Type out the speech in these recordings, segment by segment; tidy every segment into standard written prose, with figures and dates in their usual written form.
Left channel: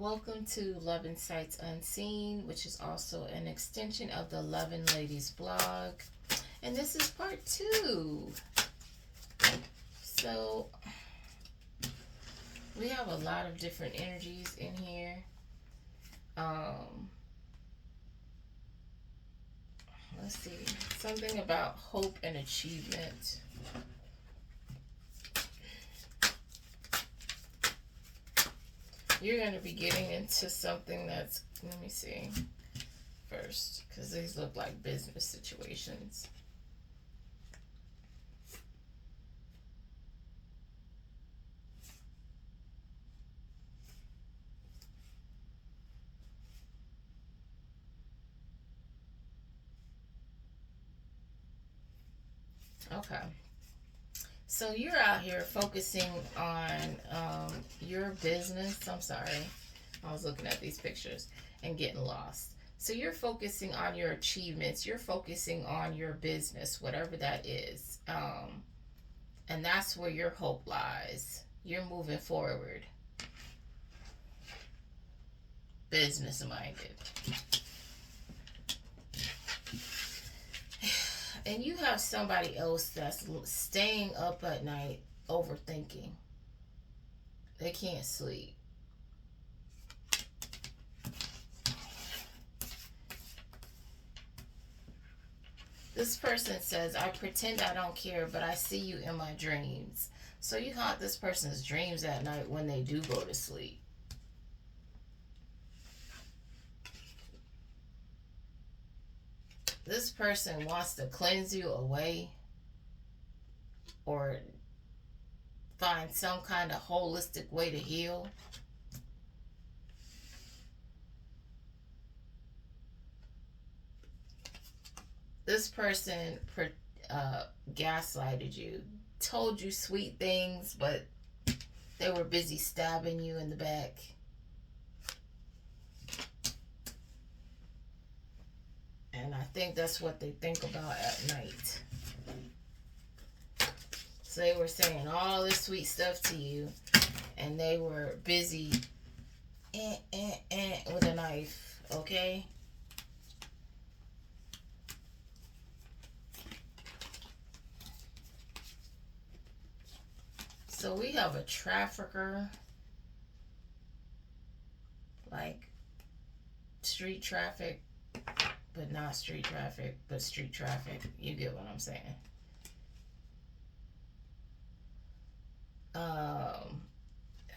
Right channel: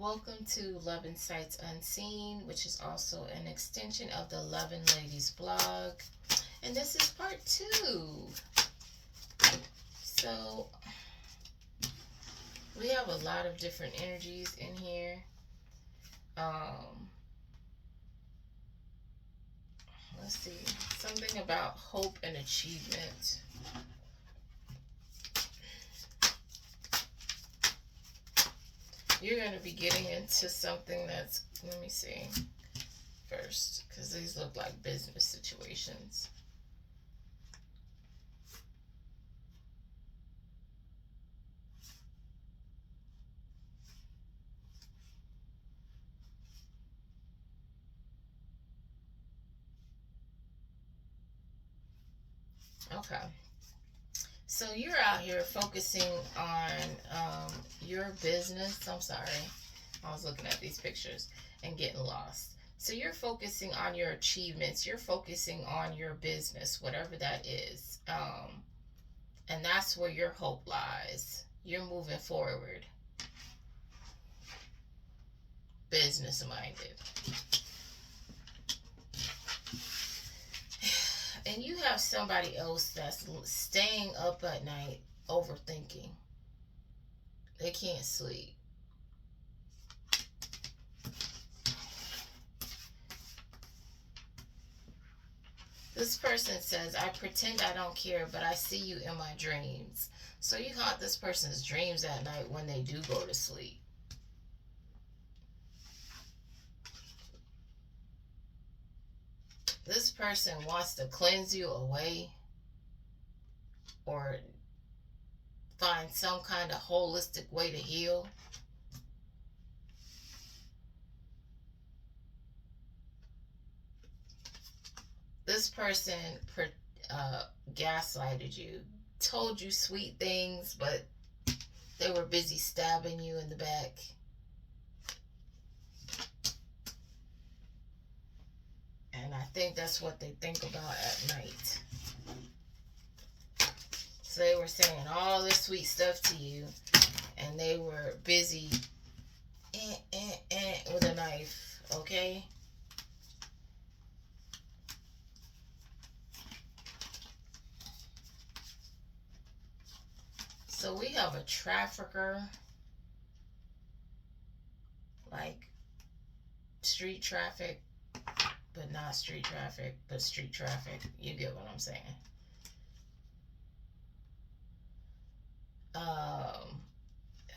Welcome to Love and Sights Unseen, which is also an extension of the Loving Ladies blog. And this is part 2. So, we have a lot of different energies in here. Let's see. Something about hope and achievement. You're going to be getting into something that's, let me see first, because these look like business situations. Okay. So you're out here focusing on your business. I'm sorry. I was looking at these pictures and getting lost. So you're focusing on your achievements. You're focusing on your business, whatever that is. And that's where your hope lies. You're moving forward. Business minded. And you have somebody else that's staying up at night overthinking. They can't sleep. This person says, I pretend I don't care, but I see you in my dreams. So you haunt this person's dreams at night when they do go to sleep. This person wants to cleanse you away or find some kind of holistic way to heal. This person gaslighted you, told you sweet things, but they were busy stabbing you in the back. And I think that's what they think about at night. So they were saying all this sweet stuff to you, and they were busy with a knife, okay? So we have a trafficker, like street traffic, but not street traffic, but street traffic. You get what I'm saying.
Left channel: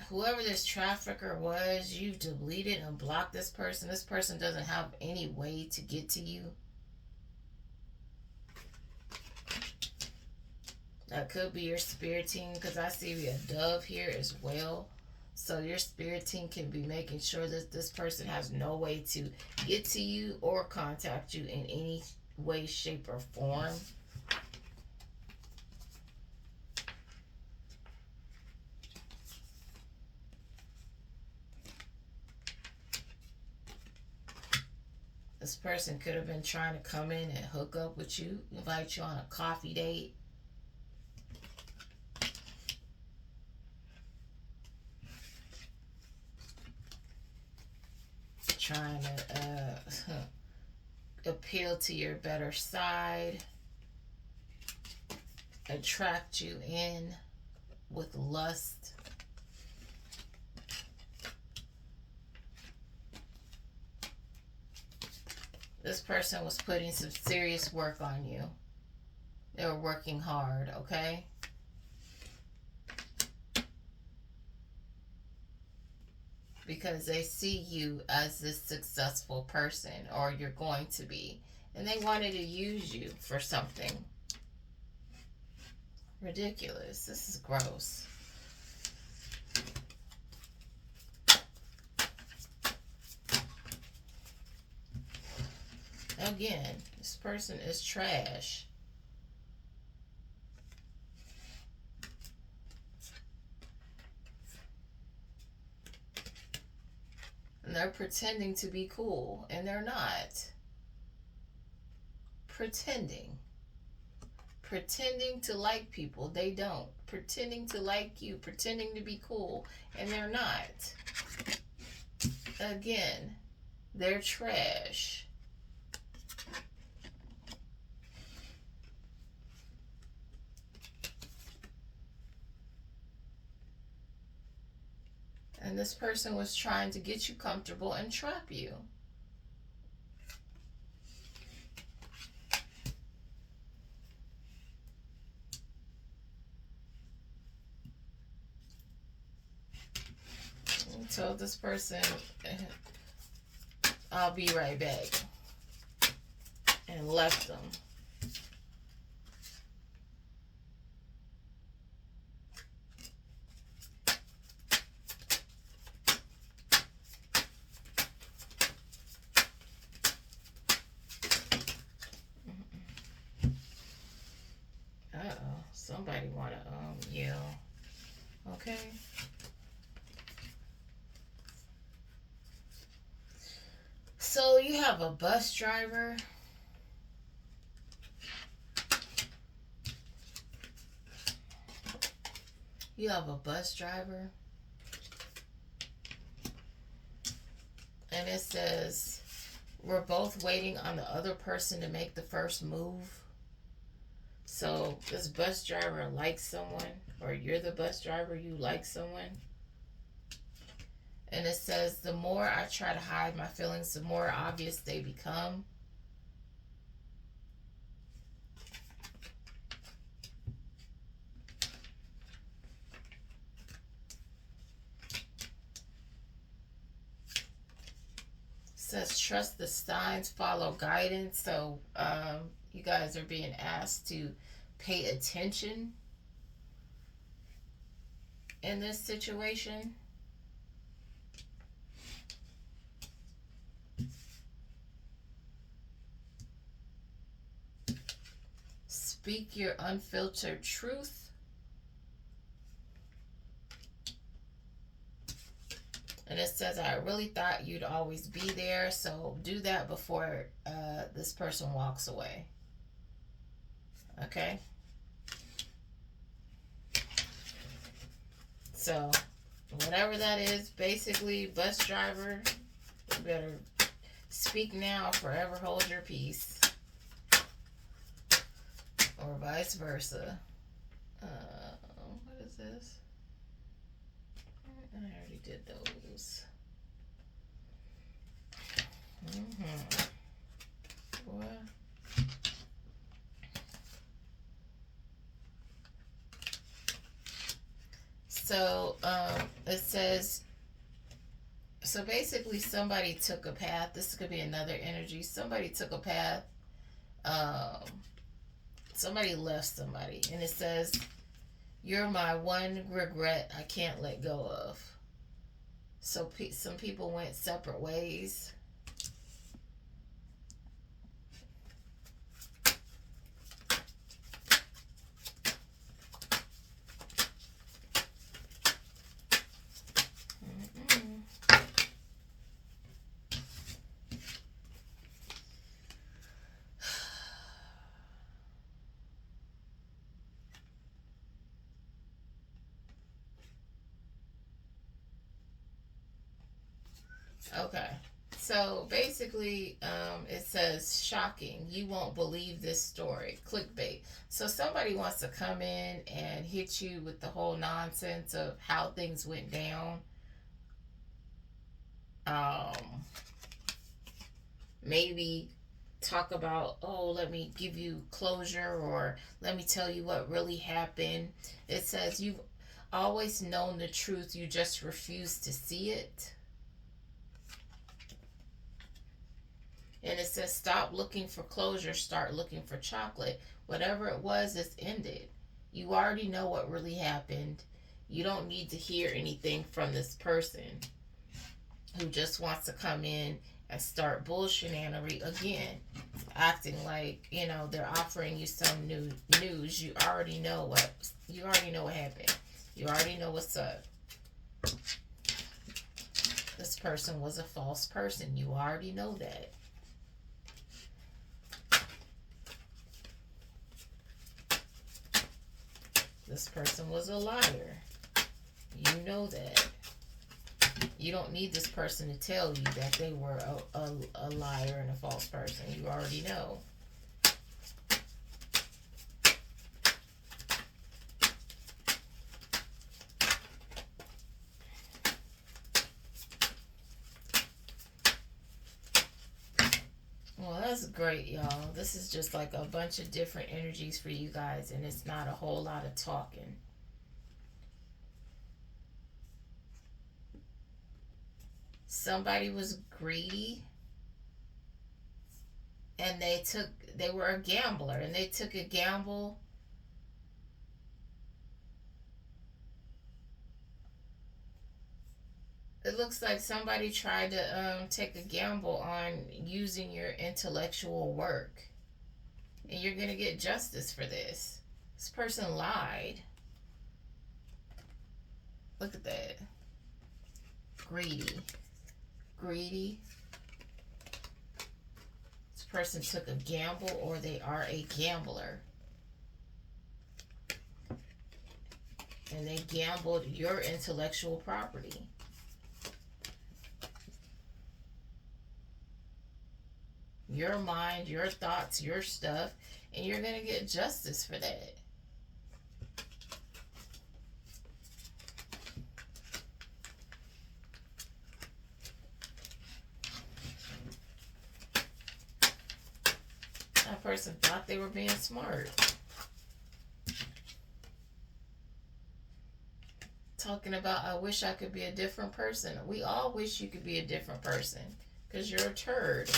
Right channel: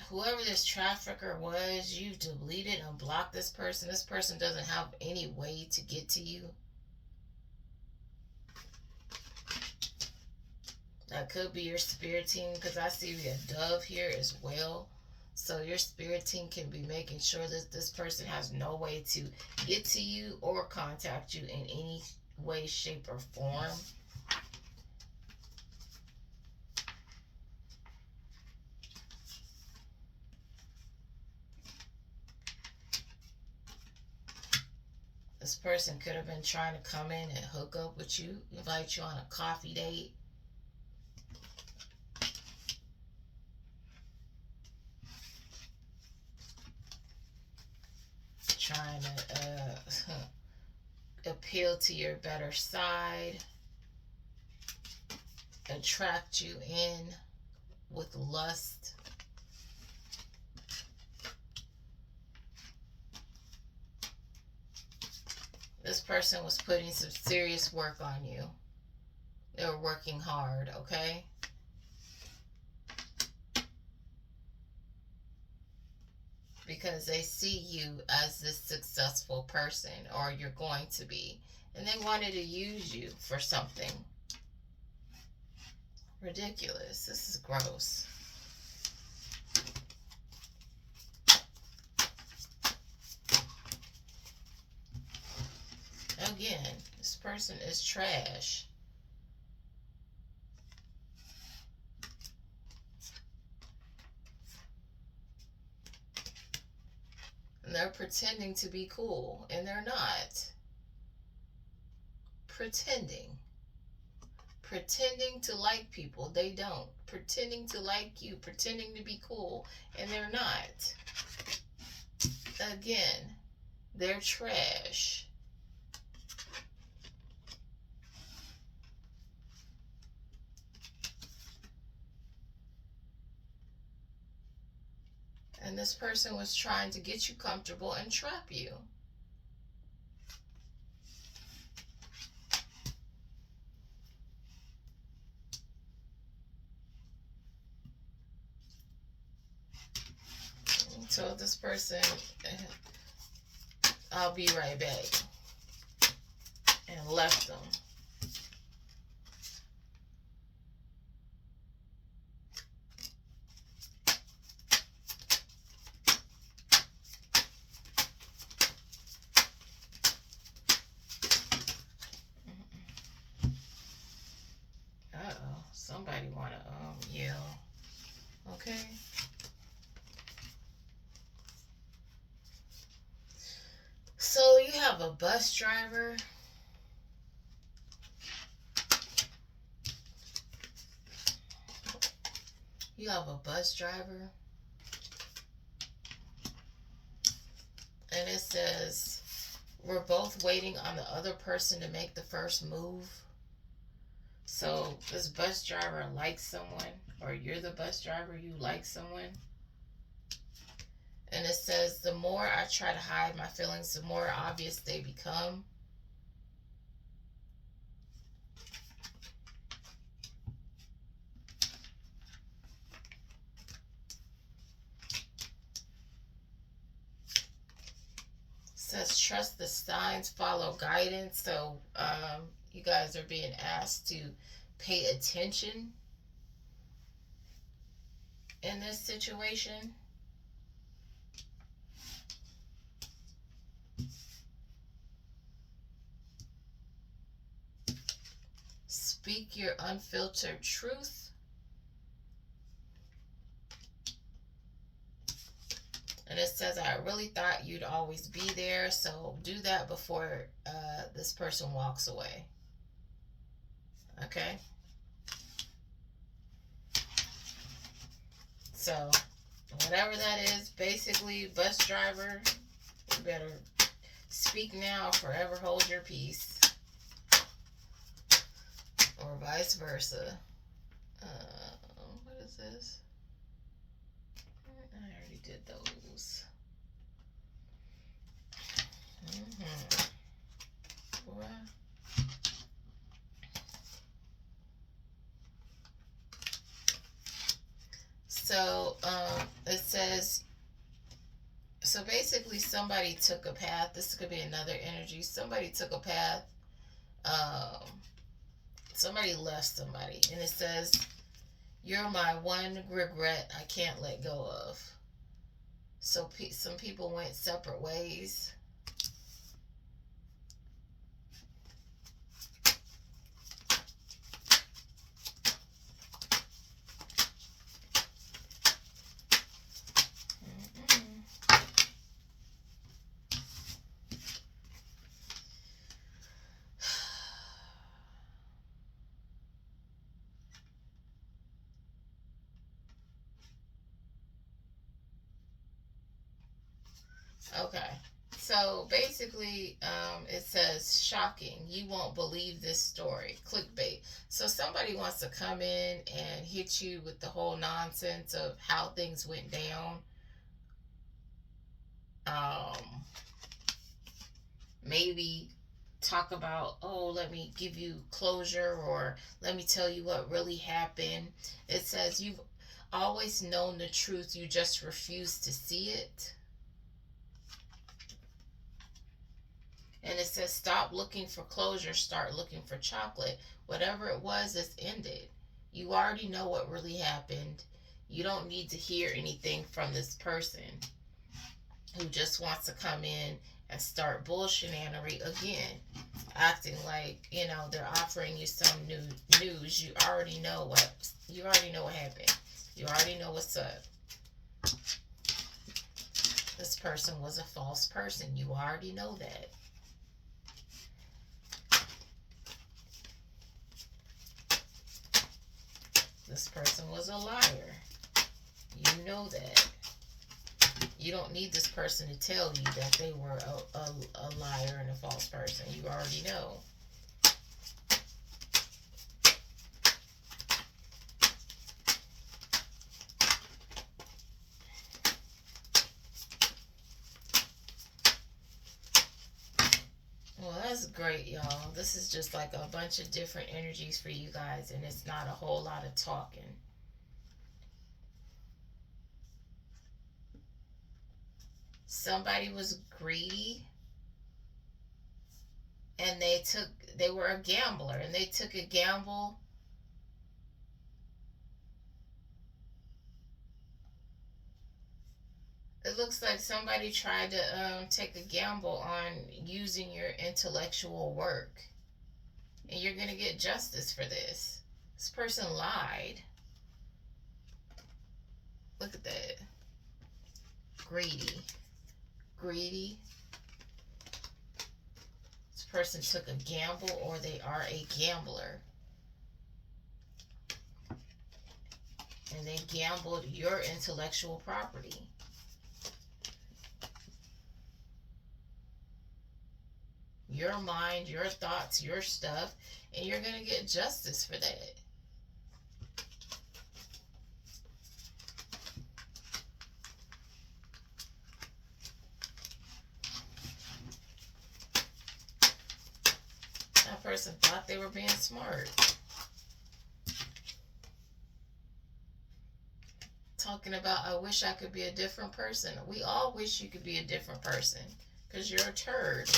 Whoever this trafficker was, you've deleted and blocked this person. This person doesn't have any way to get to you. That could be your spirit team, because I see a dove here as well. So your spirit team can be making sure that this person has no way to get to you or contact you in any way, shape, or form. This person could have been trying to come in and hook up with you, invite you on a coffee date. Trying to appeal to your better side, attract you in with lust. This person was putting some serious work on you. They were working hard, okay? Because they see you as this successful person, or you're going to be. And they wanted to use you for something. Ridiculous. This is gross. Again, this person is trash. And they're pretending to be cool, and they're not. Pretending. Pretending to like people, they don't. Pretending to like you, pretending to be cool, and they're not. Again, they're trash. And this person was trying to get you comfortable and trap you. And told this person, I'll be right back. And left them. Somebody want to yell. Okay. So you have a bus driver. You have a bus driver. And it says, we're both waiting on the other person to make the first move. So this bus driver likes someone, or you're the bus driver, you like someone. And it says, the more I try to hide my feelings, the more obvious they become. It says, trust the signs, follow guidance. So you guys are being asked to pay attention in this situation. Speak your unfiltered truth. And it says, I really thought you'd always be there, so do that before this person walks away. Okay? So, whatever that is, basically, bus driver, you better speak now, forever hold your peace. Or vice versa. What is this? I already did those. What? So it says, so basically somebody took a path. This could be another energy. Somebody took a path. Somebody left somebody. And it says, you're my one regret I can't let go of. So some people went separate ways. Okay, so basically it says, shocking, you won't believe this story, clickbait. So somebody wants to come in and hit you with the whole nonsense of how things went down. Maybe talk about, oh, let me give you closure, or let me tell you what really happened. It says, you've always known the truth, you just refuse to see it. And it says, stop looking for closure, start looking for chocolate. Whatever it was, it's ended. You already know what really happened. You don't need to hear anything from this person who just wants to come in and start bullshinanery again, acting like, you know, they're offering you some new news. You already know what happened. You already know what's up. This person was a false person. You already know that. This person was a liar. You know that. You don't need this person to tell you that they were a liar and a false person. You already know. Well, that's great, y'all. This is just like a bunch of different energies for you guys, and it's not a whole lot of talking. Somebody was greedy, and they were a gambler, and they took a gamble. It looks like somebody tried to take a gamble on using your intellectual work, and you're gonna get justice for this. This person lied. Look at that. Greedy. Greedy. This person took a gamble, or they are a gambler. And they gambled your intellectual property. Your mind, your thoughts, your stuff, and you're going to get justice for that. That person thought they were being smart. Talking about, I wish I could be a different person. We all wish you could be a different person, because you're a turd.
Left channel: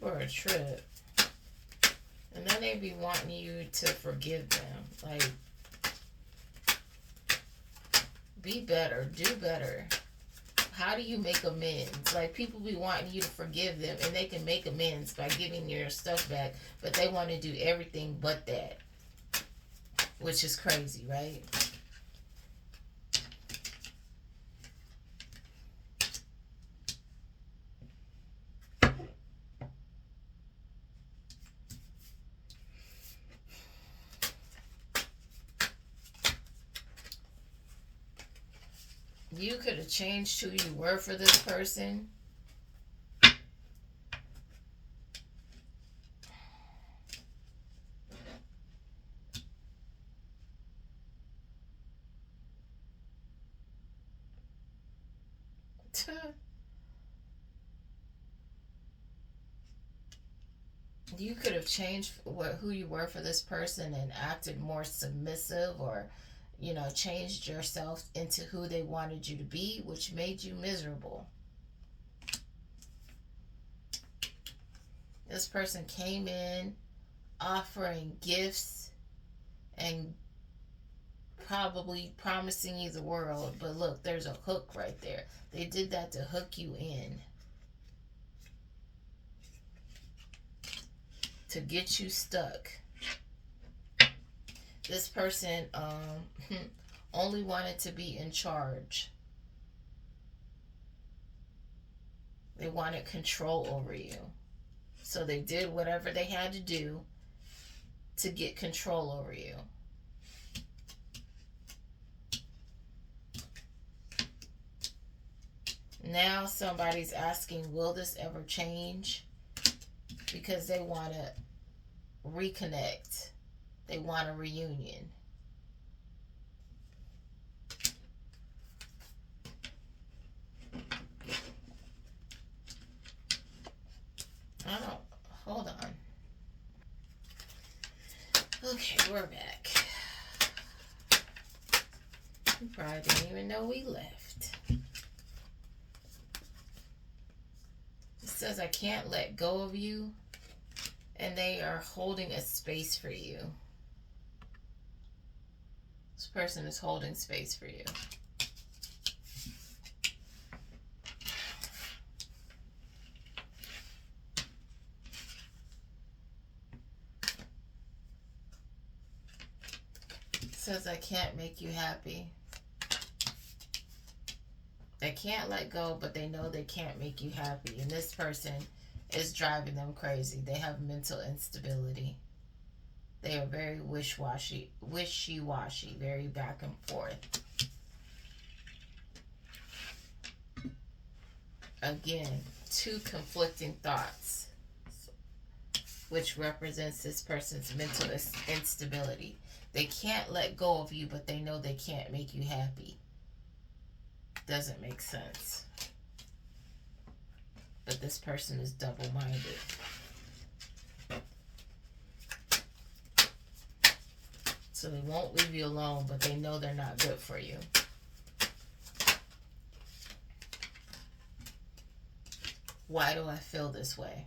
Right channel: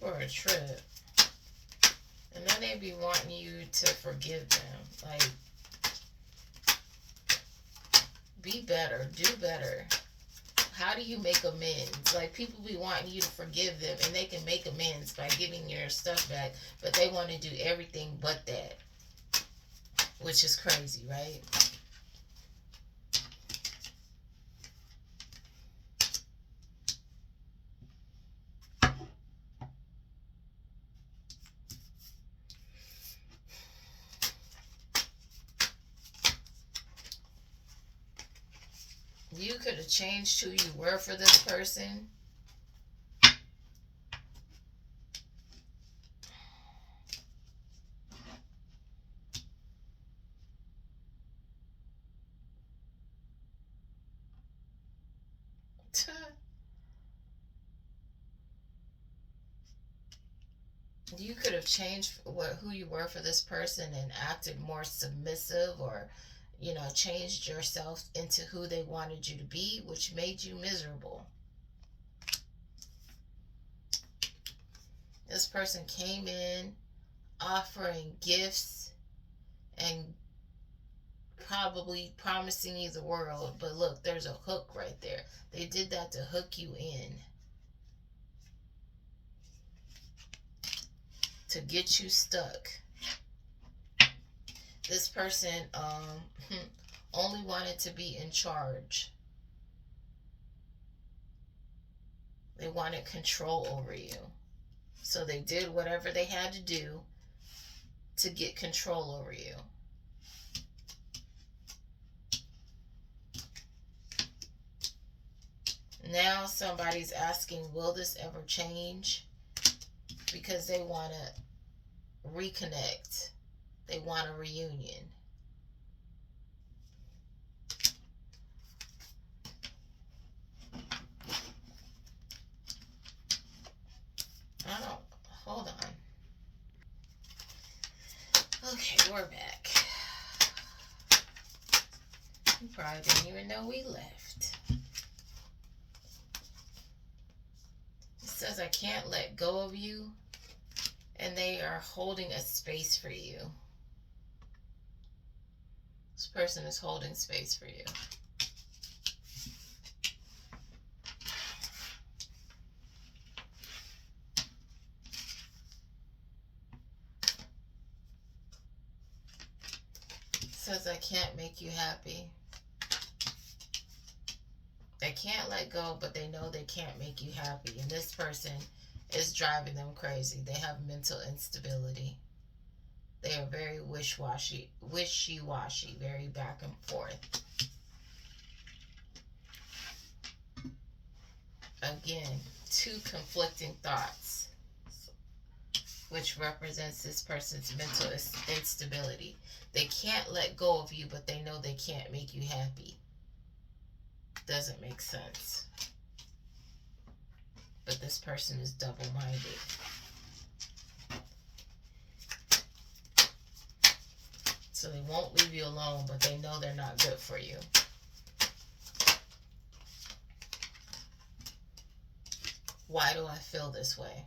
For a trip, and then they be wanting you to forgive them. Like, be better, do better. How do you make amends? Like, people be wanting you to forgive them, and they can make amends by giving your stuff back, but they want to do everything but that, which is crazy, right? You could have changed who you were for this person. You could have changed who you were for this person and acted more submissive, or changed yourself into who they wanted you to be, which made you miserable. This person came in offering gifts and probably promising you the world, but look, there's a hook right there. They did that to hook you in, to get you stuck. This person only wanted to be in charge. They wanted control over you. So they did whatever they had to do to get control over you. Now somebody's asking, will this ever change? Because they want to reconnect. They want a reunion. Hold on. Okay, we're back. You probably didn't even know we left. It says, I can't let go of you, and they are holding a space for you. This person is holding space for you. Says, I can't make you happy. They can't let go, but they know they can't make you happy. And this person is driving them crazy. They have mental instability. They are very wishy-washy, very back and forth. Again, two conflicting thoughts, which represents this person's mental instability. They can't let go of you, but they know they can't make you happy. Doesn't make sense. But this person is double-minded. So they won't leave you alone, but they know they're not good for you. Why do I feel this way?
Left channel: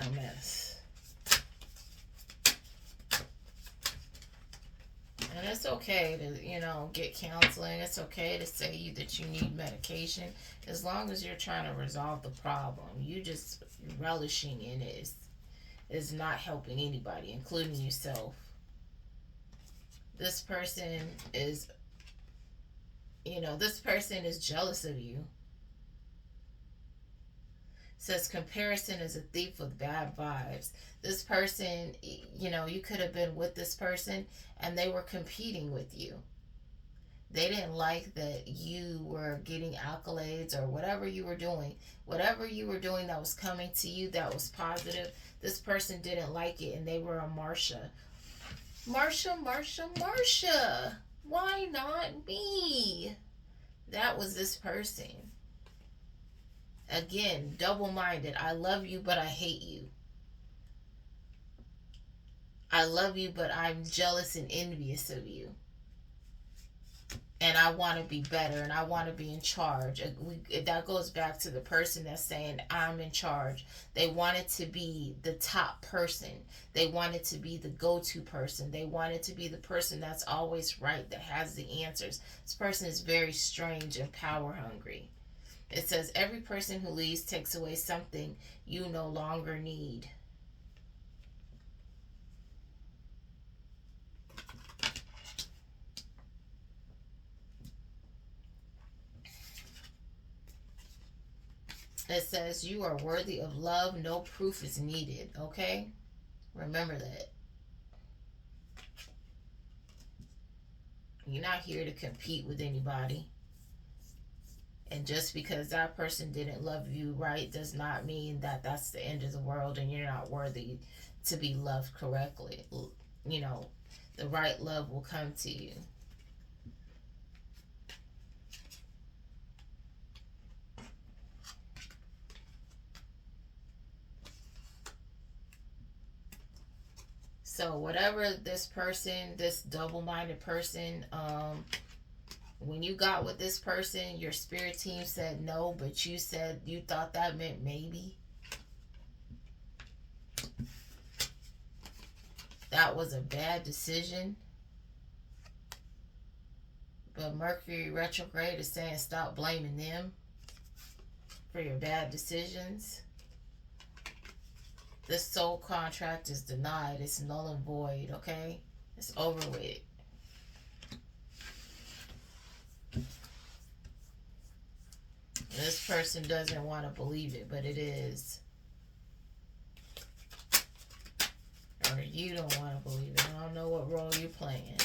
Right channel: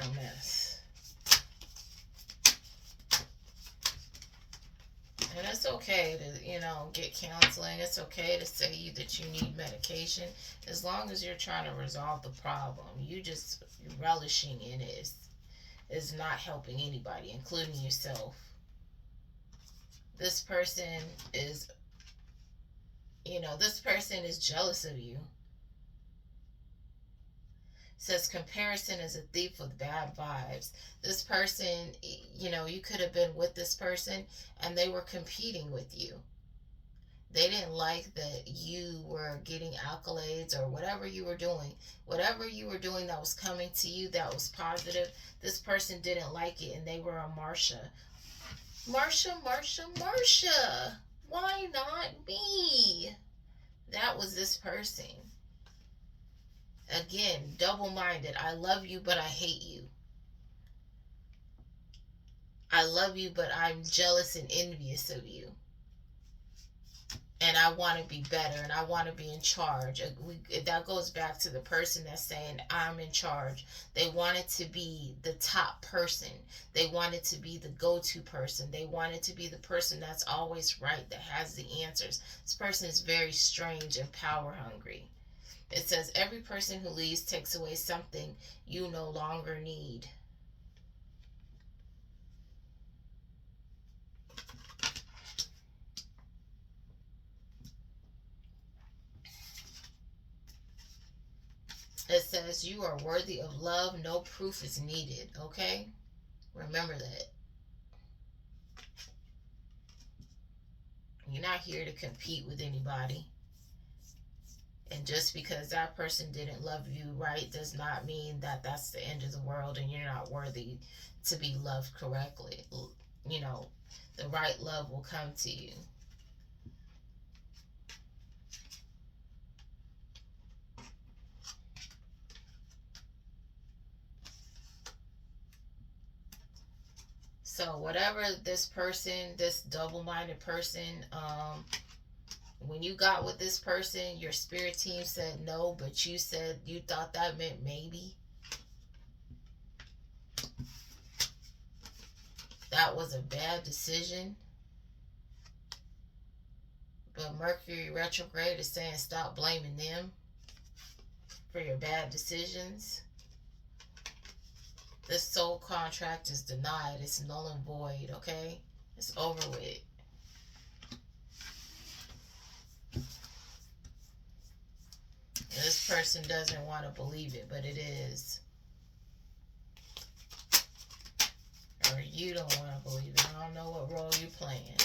A mess. And it's okay to, get counseling. It's okay to say that you need medication, as long as you're trying to resolve the problem. You just relishing in it is not helping anybody, including yourself. This person is, this person is jealous of you. Says comparison is a thief with bad vibes. This person, you could have been with this person and they were competing with you. They didn't like that you were getting accolades or whatever you were doing. Whatever you were doing that was coming to you that was positive, this person didn't like it and they were a Marsha. Marsha. Why not me? That was this person. Again, double-minded. I love you, but I hate you. I love you, but I'm jealous and envious of you. And I want to be better, and I want to be in charge. That goes back to the person that's saying, I'm in charge. They wanted to be the top person. They wanted to be the go-to person. They wanted to be the person that's always right, that has the answers. This person is very strange and power-hungry. It says, every person who leaves takes away something you no longer need. It says, you are worthy of love. No proof is needed. Okay? Remember that. You're not here to compete with anybody. And just because that person didn't love you right does not mean that that's the end of the world and you're not worthy to be loved correctly. The right love will come to you. So whatever this person, this double-minded person, when you got with this person, your spirit team said no, but you said you thought that meant maybe. That was a bad decision. But Mercury retrograde is saying stop blaming them for your bad decisions. This soul contract is denied. It's null and void, okay? It's over with. This person doesn't want to believe it, but it is. Or you don't want to believe it. I don't know what role you're playing.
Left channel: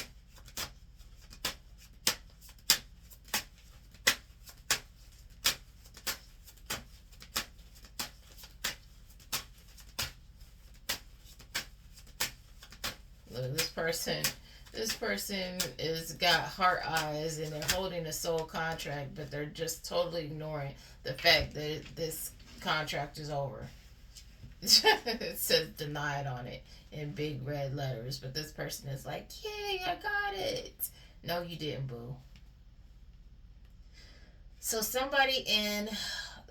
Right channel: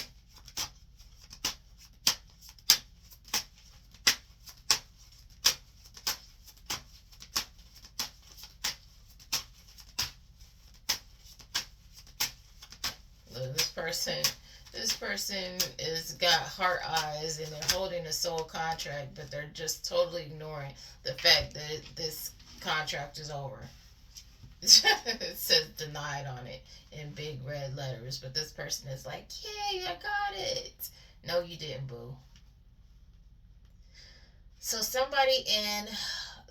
Look, this person is got heart eyes and they're holding a soul contract, but they're just totally ignoring the fact that this contract is over. It says denied on it in big red letters, but this person is like, yay, I got it. No, you didn't, boo. So somebody in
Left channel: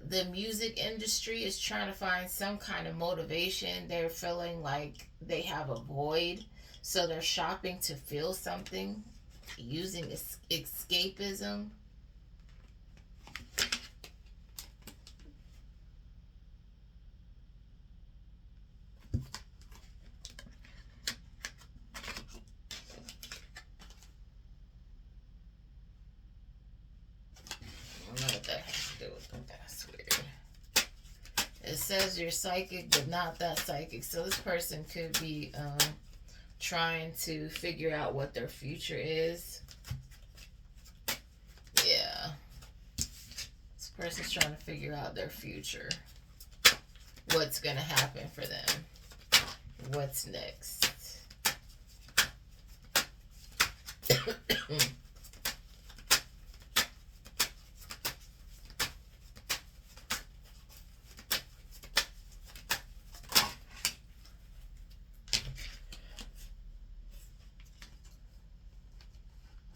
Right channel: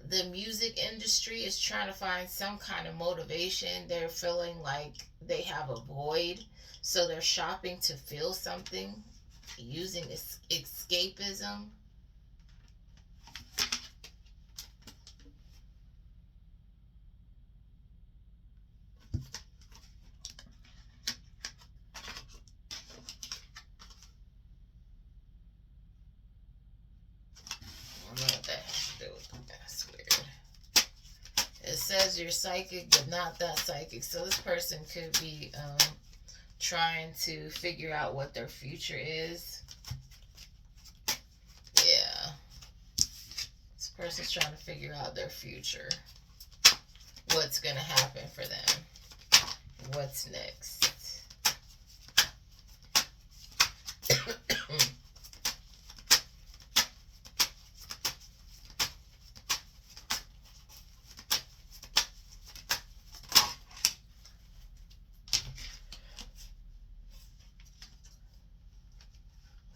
the music industry is trying to find some kind of motivation. They're feeling like they have a void, so they're shopping to feel something, using escapism. it says you're psychic, but not that psychic. So this person could be trying to figure out what their future is. Yeah. This person's trying to figure out their future. What's going to happen for them. What's next.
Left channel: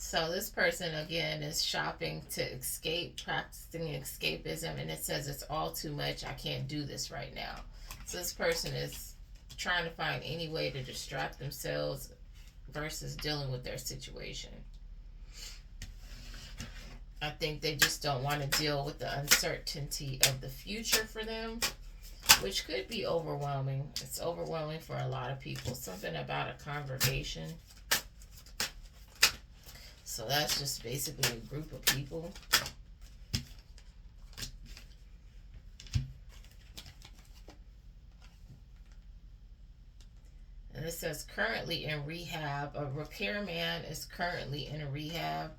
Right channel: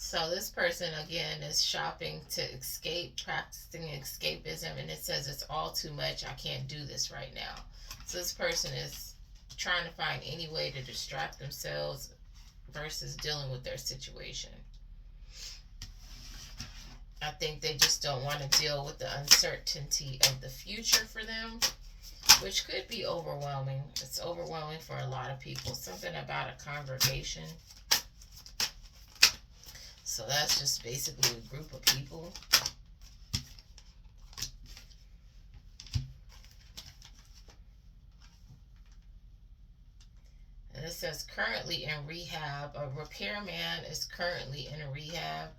So this person, again, is shopping to escape, practicing escapism, and it says it's all too much. I can't do this right now. So this person is trying to find any way to distract themselves versus dealing with their situation. I think they just don't want to deal with the uncertainty of the future for them, which could be overwhelming. It's overwhelming for a lot of people. Something about a congregation. So that's just basically a group of people. And it says currently in rehab. A repairman is currently in a rehab.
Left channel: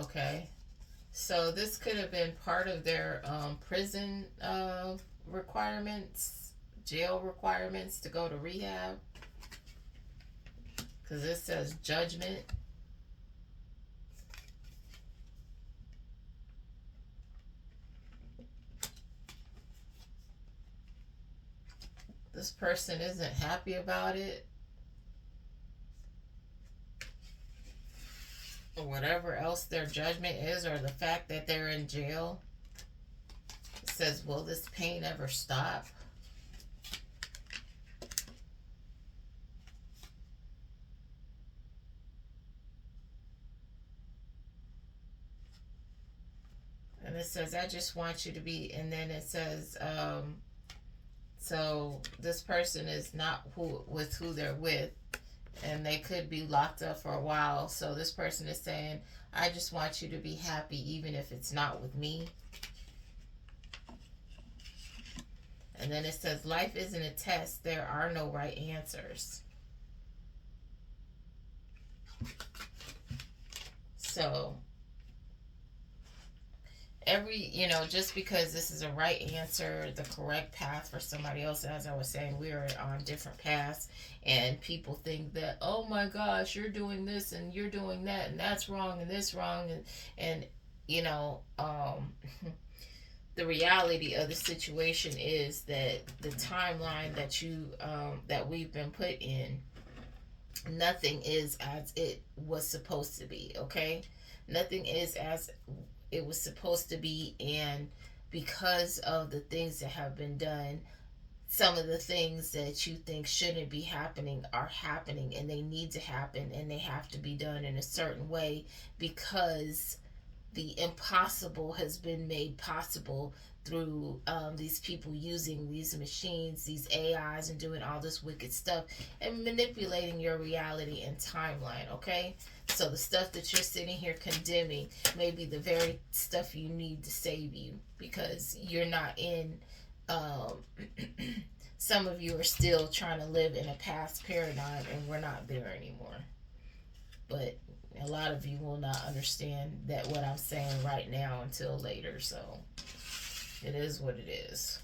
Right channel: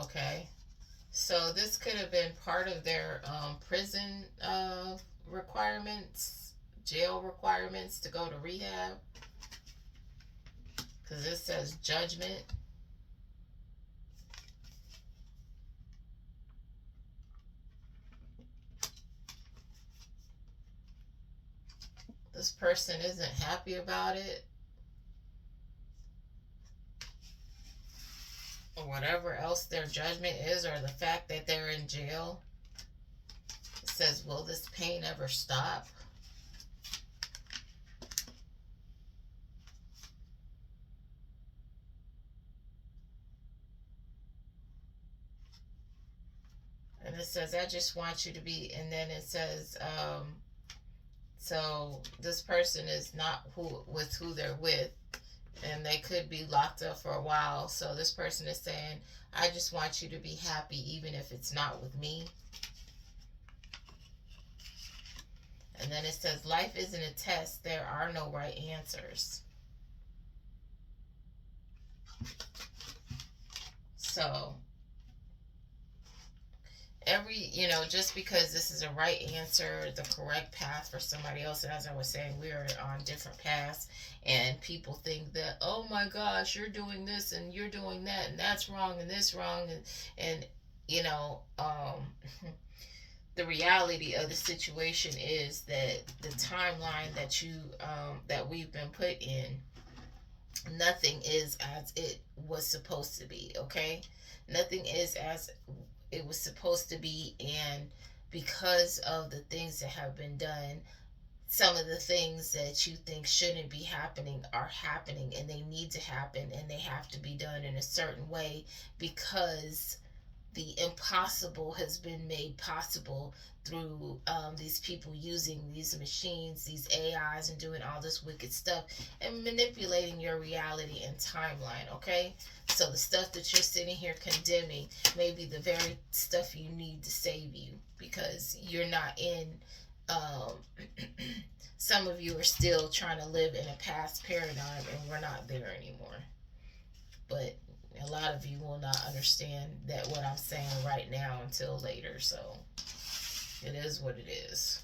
Okay. So this could have been part of their prison requirements, jail requirements to go to rehab. Because it says judgment. This person isn't happy about it. Or whatever else their judgment is, or the fact that they're in jail. It says, will this pain ever stop? And it says, I just want you to be, and then it says, so this person is not with who they're with, and they could be locked up for a while. So this person is saying, I just want you to be happy even if it's not with me. And then it says, life isn't a test. There are no right answers. So just because this is a right answer, the correct path for somebody else, as I was saying, we are on different paths, and people think that, oh my gosh, you're doing this and you're doing that, and that's wrong and this wrong, and the reality of the situation is that the timeline that we've been put in, nothing is as it was supposed to be. Okay, nothing is as it was supposed to be, and because of the things that have been done, some of the things that you think shouldn't be happening are happening, and they need to happen, and they have to be done in a certain way because the impossible has been made possible through these people using these machines, these AIs, and doing all this wicked stuff and manipulating your reality and timeline. Okay, so the stuff that you're sitting here condemning may be the very stuff you need to save you, because you're not in some of you are still trying to live in a past paradigm, and we're not there anymore. But a lot of you will not understand that what I'm saying right now until later. So it is what it is.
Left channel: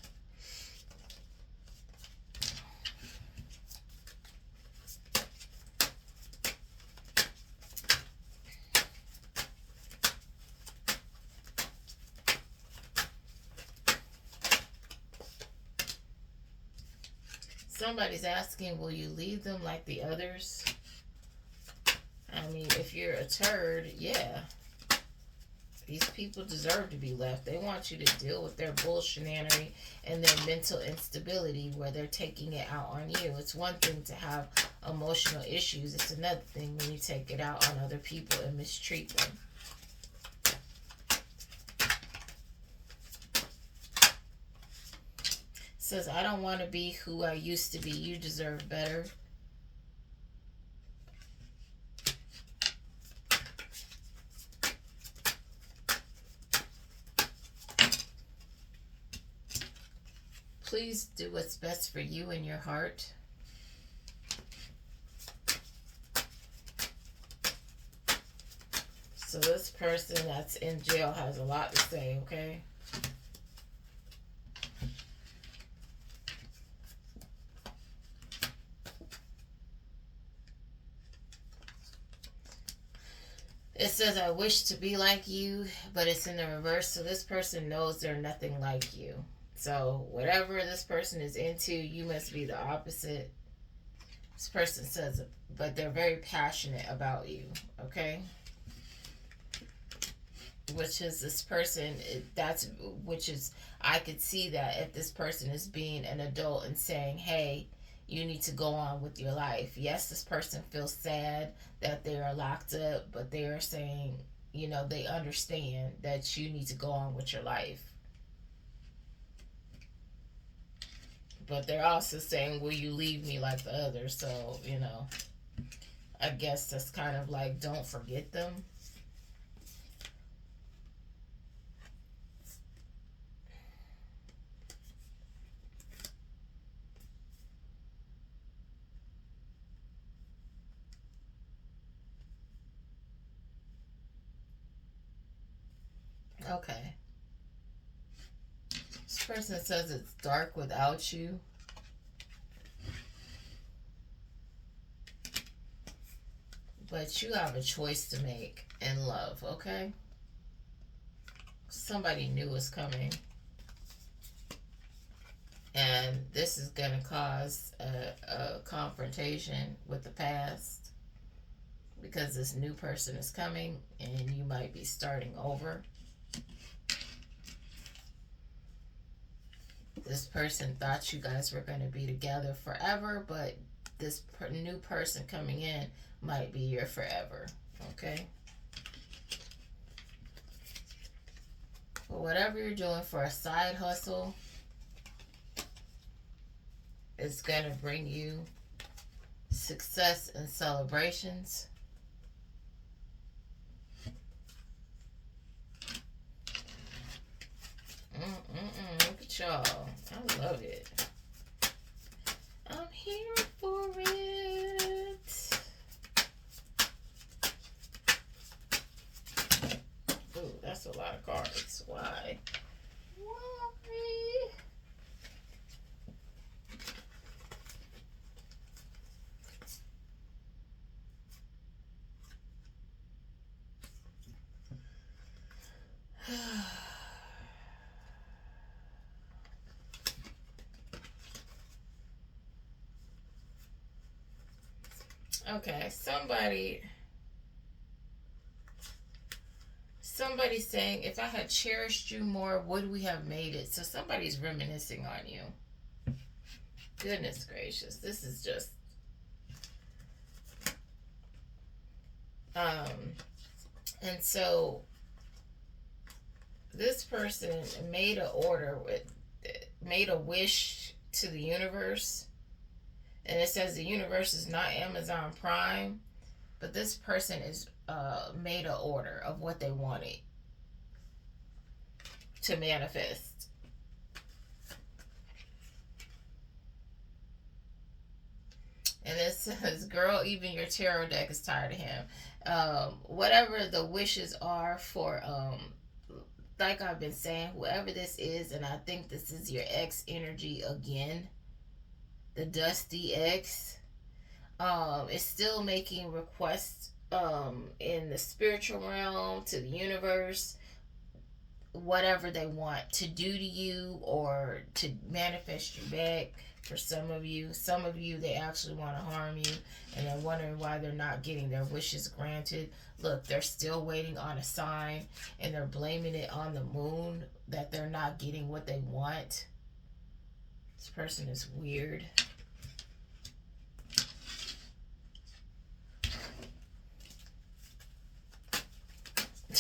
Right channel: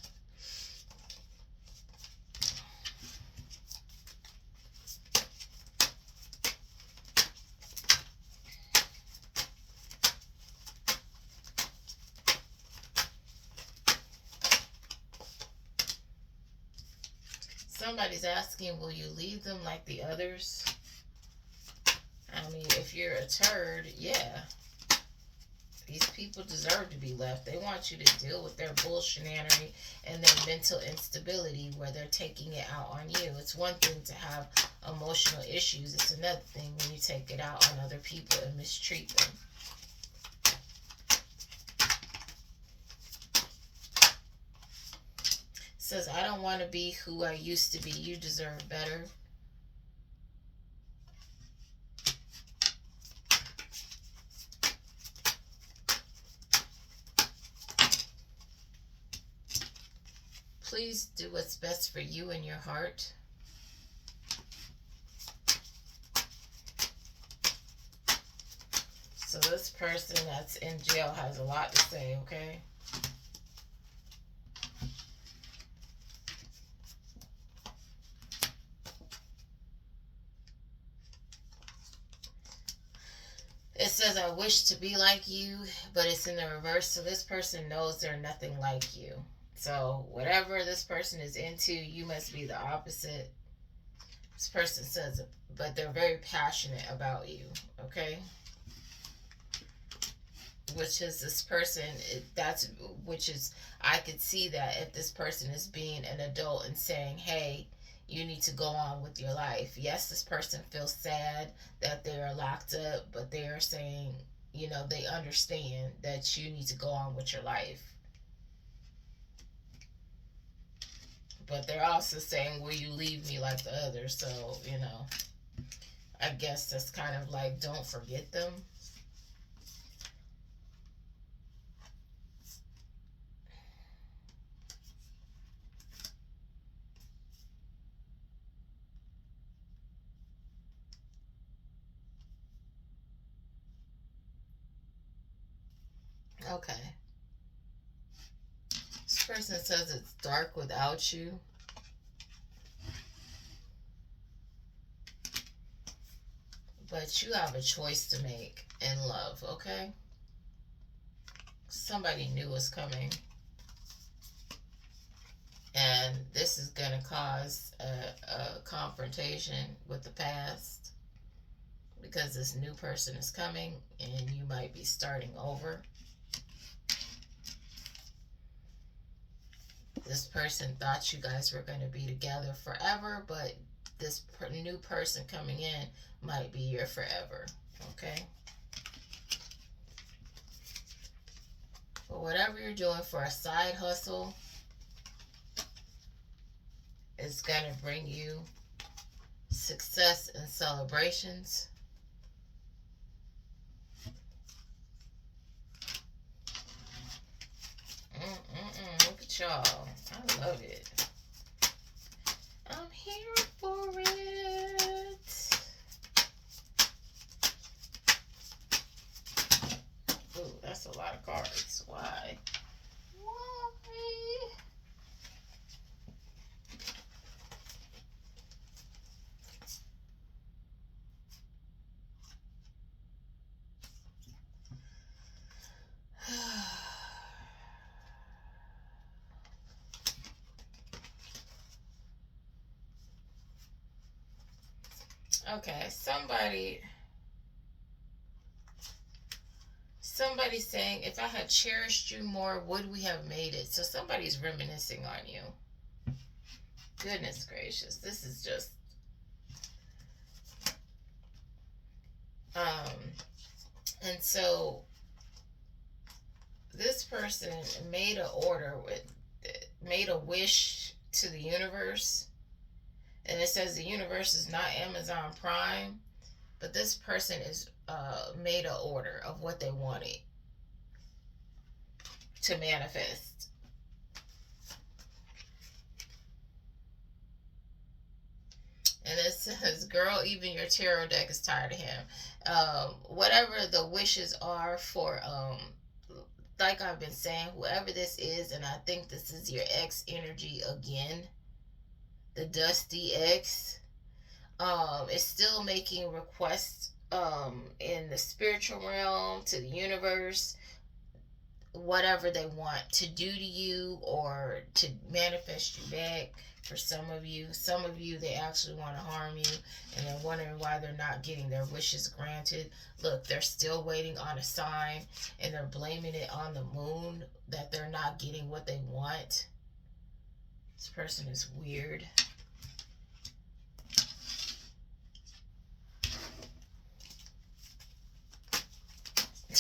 Somebody's asking, will you leave them like the others? I mean, if you're a turd, yeah. These people deserve to be left. They want you to deal with their bullshinanery and their mental instability where they're taking it out on you. It's one thing to have emotional issues. It's another thing when you take it out on other people and mistreat them. Says, I don't want to be who I used to be. You deserve better. Please do what's best for you and your heart. So this person that's in jail has a lot to say, okay? It says, I wish to be like you, but it's in the reverse. So this person knows they're nothing like you. So whatever this person is into, you must be the opposite. This person says, but they're very passionate about you, okay? Which is this person, I could see that if this person is being an adult and saying, hey, you need to go on with your life. Yes, this person feels sad that they are locked up, but they are saying, they understand that you need to go on with your life. But they're also saying, will you leave me like the others? So, I guess that's kind of like, don't forget them. Okay. This person says it's dark without you. But you have a choice to make in love, okay? Somebody new is coming. And this is going to cause a confrontation with the past. Because this new person is coming and you might be starting over. This person thought you guys were going to be together forever, but this new person coming in might be your forever, okay? But whatever you're doing for a side hustle, it's going to bring you success and celebrations. Look at y'all. I love it. I'm here for it. Ooh, that's a lot of cards. Why? Why? Okay, somebody's saying, if I had cherished you more, would we have made it? So somebody's reminiscing on you. Goodness gracious, this is just and so this person made a wish to the universe. And it says the universe is not Amazon Prime, but this person is made an order of what they wanted to manifest. And it says, girl, even your tarot deck is tired of him. Whatever the wishes are for, like I've been saying, whoever this is, and I think this is your ex energy again, the Dusty X, is still making requests in the spiritual realm to the universe, whatever they want to do to you or to manifest you back. For some of you they actually want to harm you, and then wondering why they're not getting their wishes granted. Look, they're still waiting on a sign, and they're blaming it on the moon that they're not getting what they want. This person is weird.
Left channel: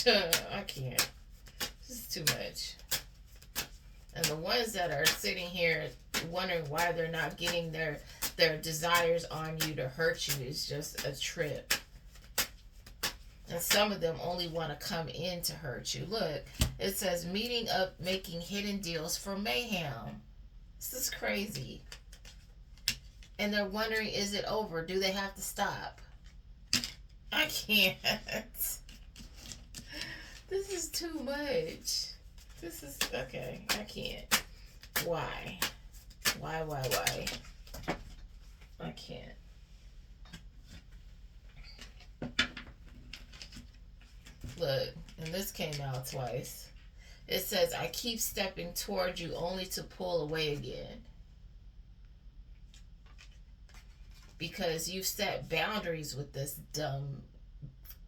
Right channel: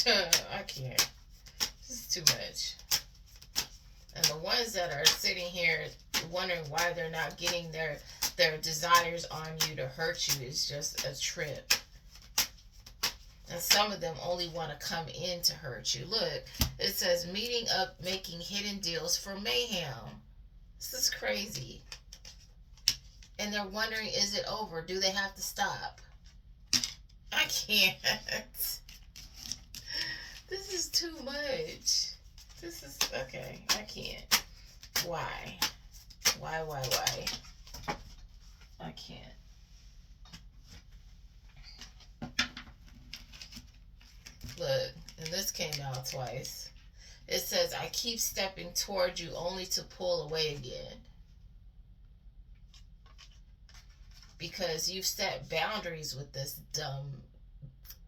I can't. This is too much. And the ones that are sitting here wondering why they're not getting their desires on you to hurt you is just a trip. And some of them only want to come in to hurt you. Look, it says meeting up, making hidden deals for mayhem. This is crazy. And they're wondering, is it over? Do they have to stop? I can't. This is too much. This is, okay, I can't. Why? Why? I can't. Look, and this came out twice. It says, I keep stepping toward you only to pull away again. Because you've set boundaries with this dumb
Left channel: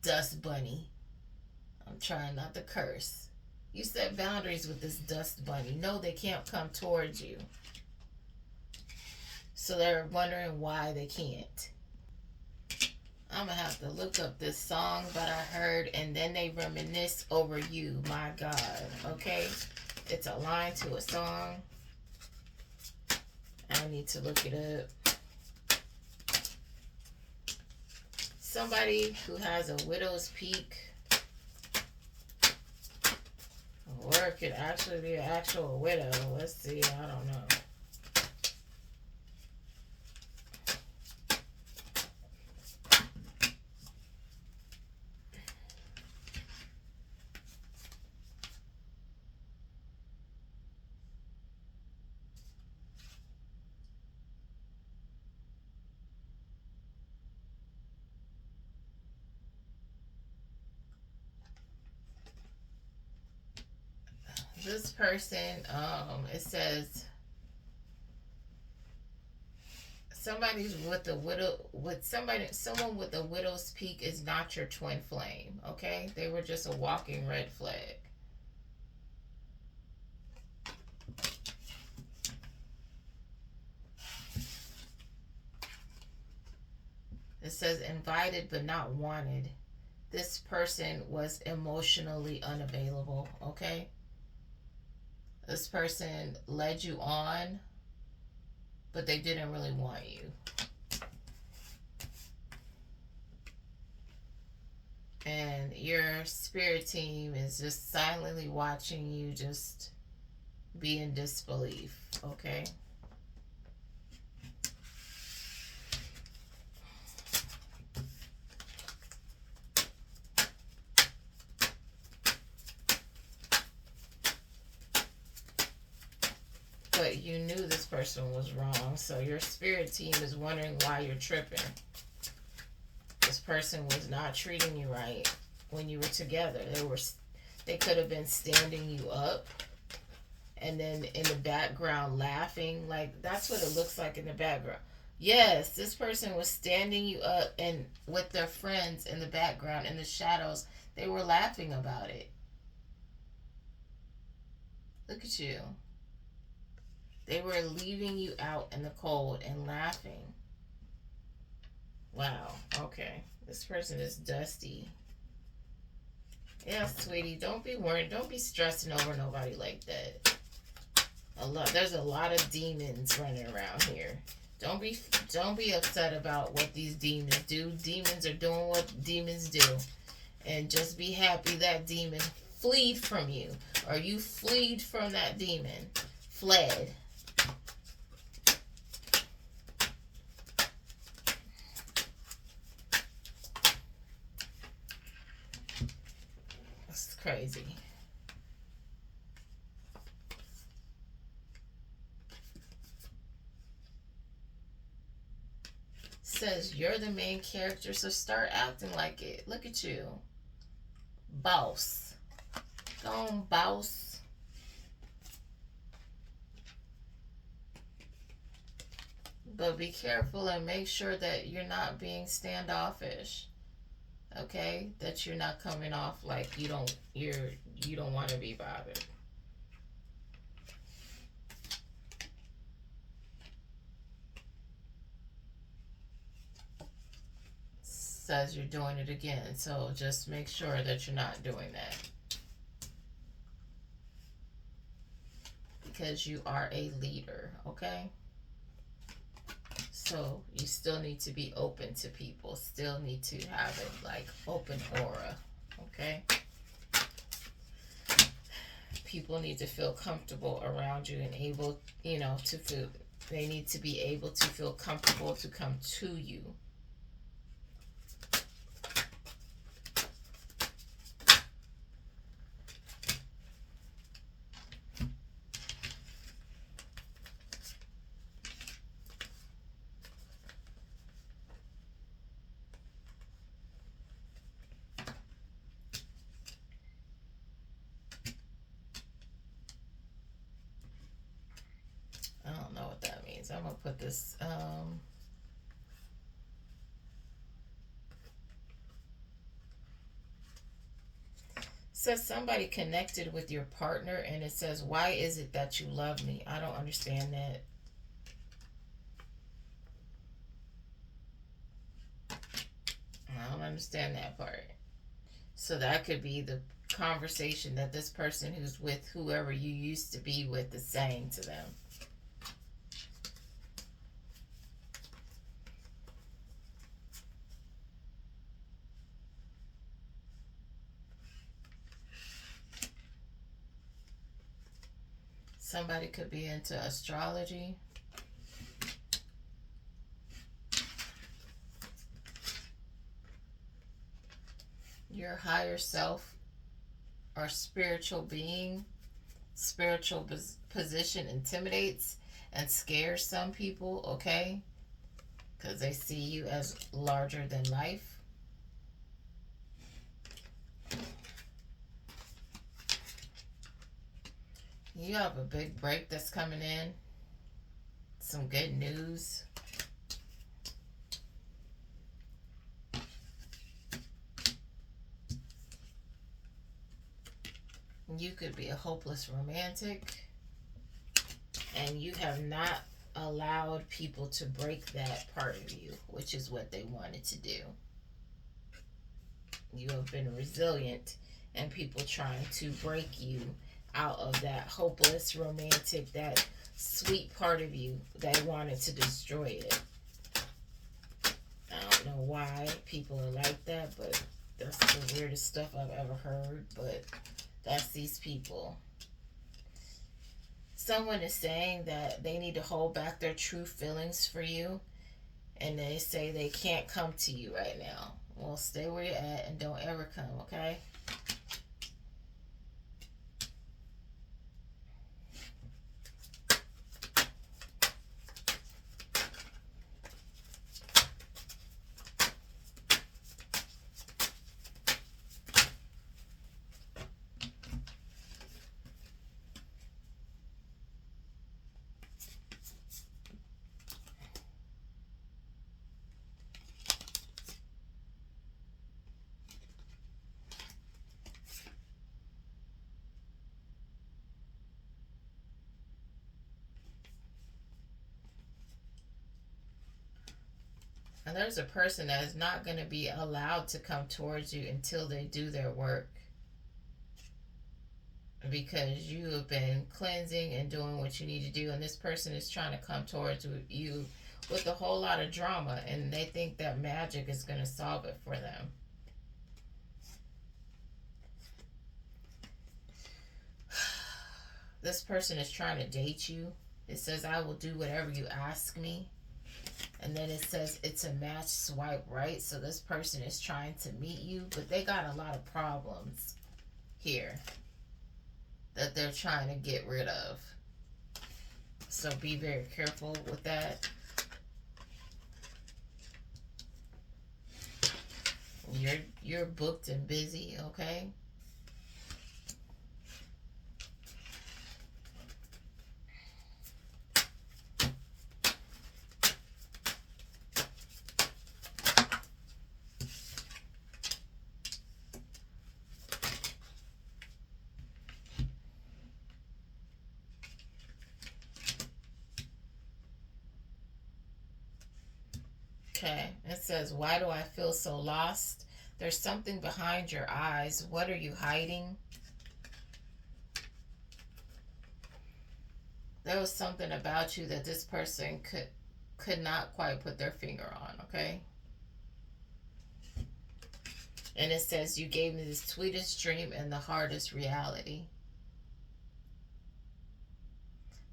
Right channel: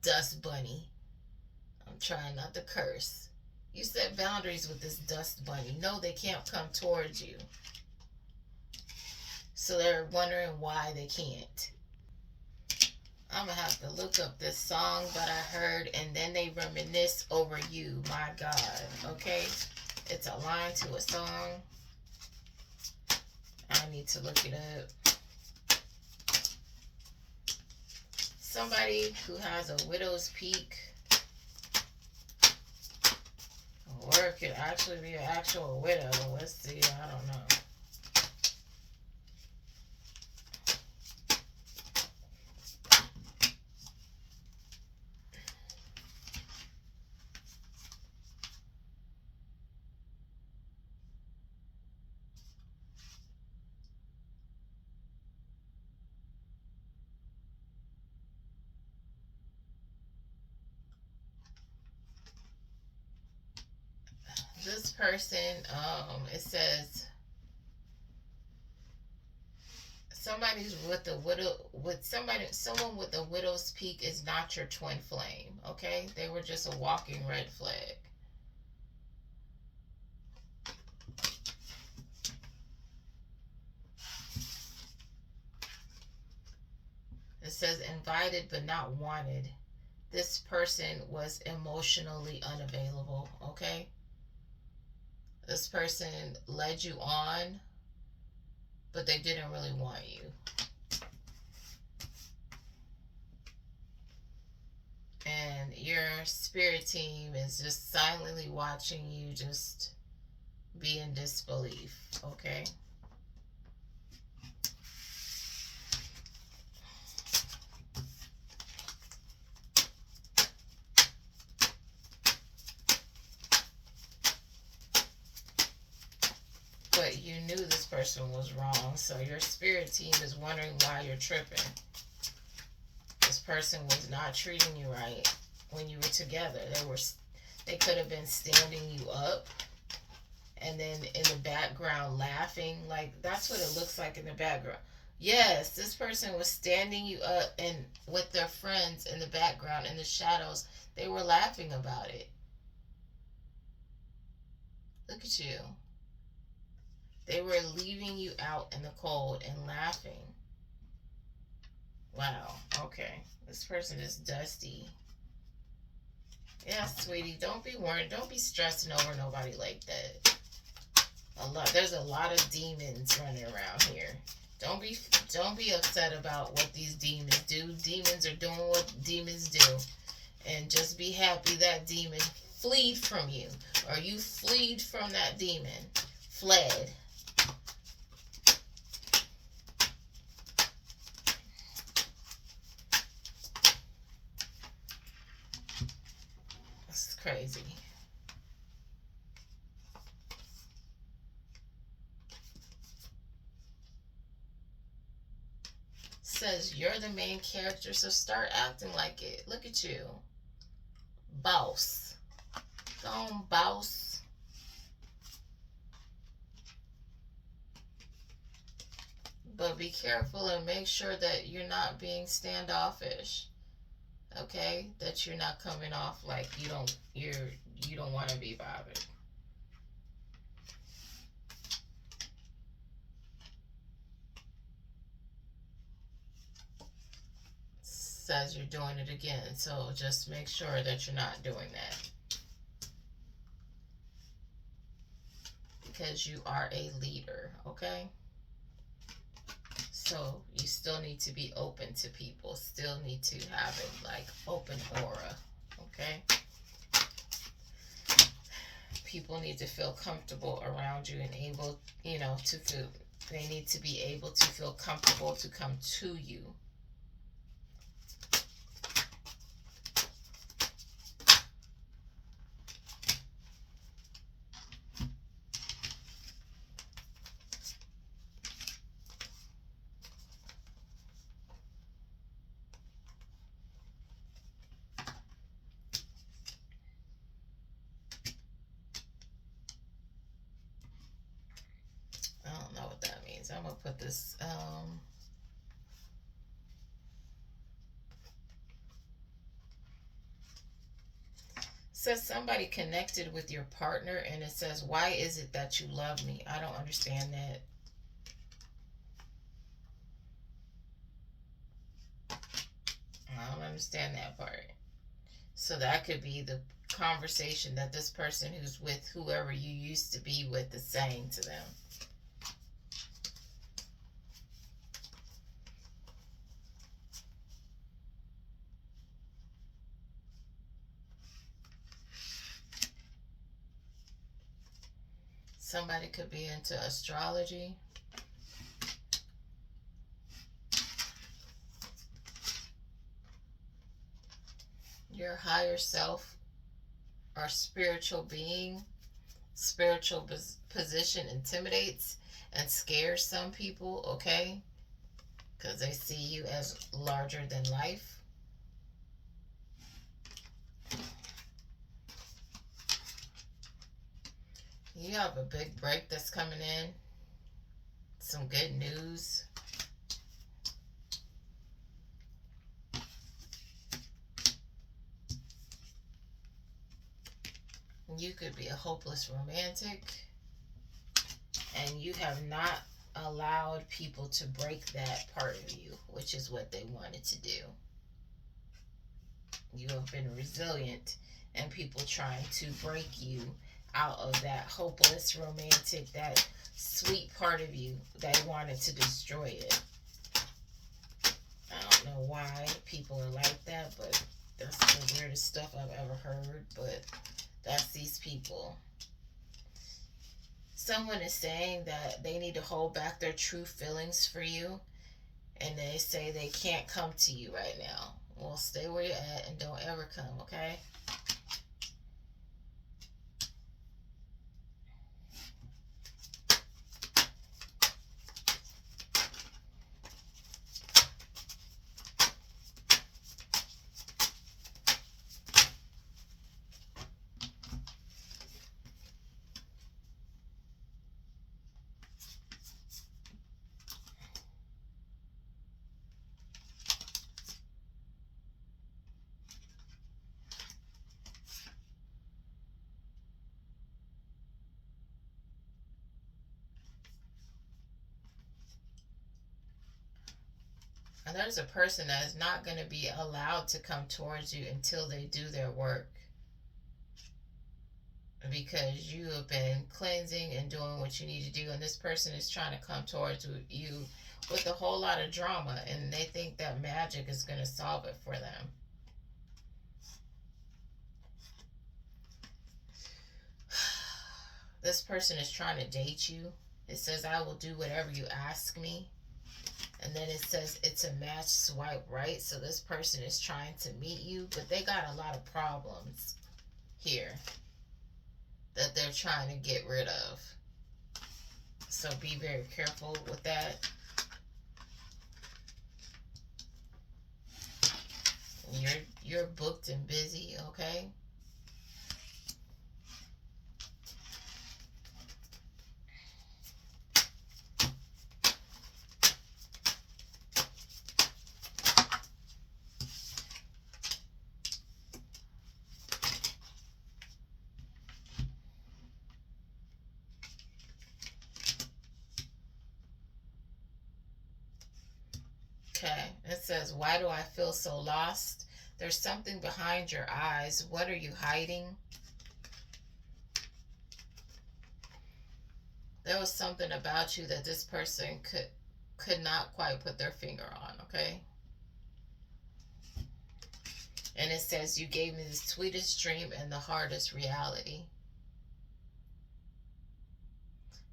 dust bunny. I'm trying not to curse. You set boundaries with this dust bunny. No, they can't come towards you. So they're wondering why they can't. I'm going to have to look up this song that I heard, and then they reminisce over you. My God. Okay? It's a line to a song. I need to look it up. Somebody who has a widow's peak. Or it could actually be an actual widow. Let's see. I don't know. This person, it says somebody's with a widow, someone with a widow's peak is not your twin flame. Okay, they were just a walking red flag. It says invited but not wanted. This person was emotionally unavailable. Okay. This person led you on, but they didn't really want you. And your spirit team is just silently watching you just be in disbelief, okay? But you knew this person was wrong, so your spirit team is wondering why you're tripping. This person was not treating you right when you were together. They could have been standing you up and then in the background laughing. Like, that's what it looks like in the background. Yes, this person was standing you up and with their friends in the background in the shadows. They were laughing about it. Look at you. They were leaving you out in the cold and laughing. Wow. Okay. This person is dusty. Yeah, sweetie. Don't be worried. Don't be stressing over nobody like that. There's a lot of demons running around here. Don't be upset about what these demons do. Demons are doing what demons do. And just be happy that demon fled from you. Or you fled from that demon. Fled. Crazy. Says you're the main character, so start acting like it. Look at you. Boss. Go on, boss. But be careful and make sure that you're not being standoffish. Okay? That you're not coming off like you don't want to be bothered. Says you're doing it again. So just make sure that you're not doing that. Because you are a leader, okay? So you still need to be open to people. Still need to have a like open aura, okay? People need to feel comfortable around you and able, to feel, they need to be able to feel comfortable to come to you. I don't know what that means. I'm gonna put this says somebody connected with your partner, and it says, why is it that you love me? I don't understand that. I don't understand that part. So that could be the conversation that this person who's with whoever you used to be with is saying to them. Somebody could be into astrology. Your higher self or spiritual being, spiritual position intimidates and scares some people, okay? Because they see you as larger than life. You have a big break that's coming in. Some good news. You could be a hopeless romantic, and you have not allowed people to break that part of you, which is what they wanted to do. You have been resilient, and people trying to break you out of that hopeless romantic, that sweet part of you. They wanted to destroy it. I don't know why people are like that, but that's the weirdest stuff I've ever heard. But that's these people. Someone is saying that they need to hold back their true feelings for you, and they say they can't come to you right now. Well, stay where you're at and don't ever come, okay? And there's a person that is not going to be allowed to come towards you until they do their work. Because you have been cleansing and doing what you need to do, and this person is trying to come towards you with a whole lot of drama, and they think that magic is going to solve it for them. This person is trying to date you. It says, I will do whatever you ask me. And then it says it's a match, swipe right. So this person is trying to meet you, but they got a lot of problems here that they're trying to get rid of. So be very careful with that. You're booked and busy, okay? says, why do I feel so lost? There's something behind your eyes. What are you hiding? There was something about you that this person could not quite put their finger on, okay? And it says, you gave me the sweetest dream and the hardest reality.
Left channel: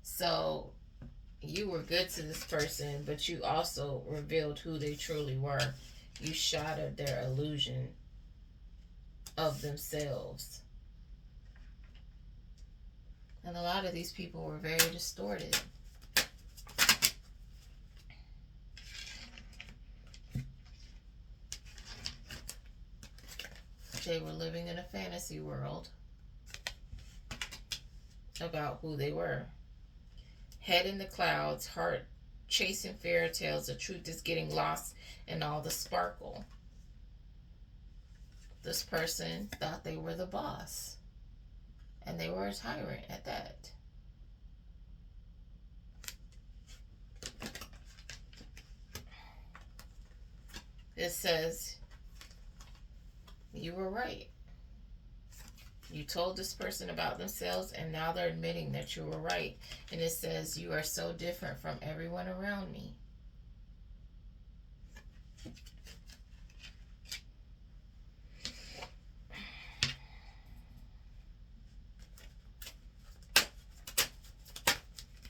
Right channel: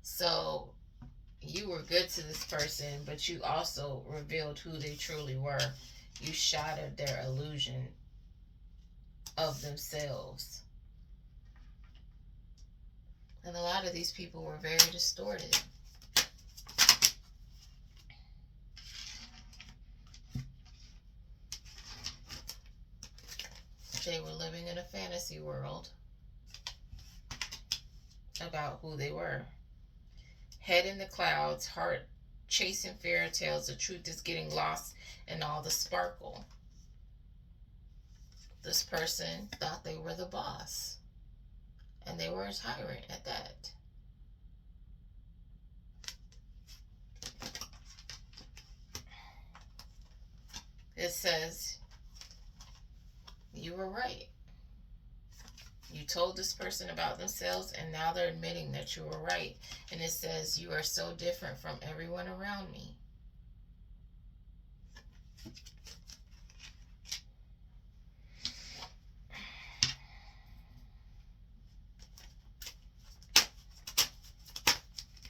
So you were good to this person, but you also revealed who they truly were. You shattered their illusion of themselves. And a lot of these people were very distorted. They were living in a fantasy world about who they were. Head in the clouds, heart chasing fairy tales. The truth is getting lost in all the sparkle. This person thought they were the boss, and they were a tyrant at that. It says, you were right. You told this person about themselves, and now they're admitting that you were right. And it says, you are so different from everyone around me.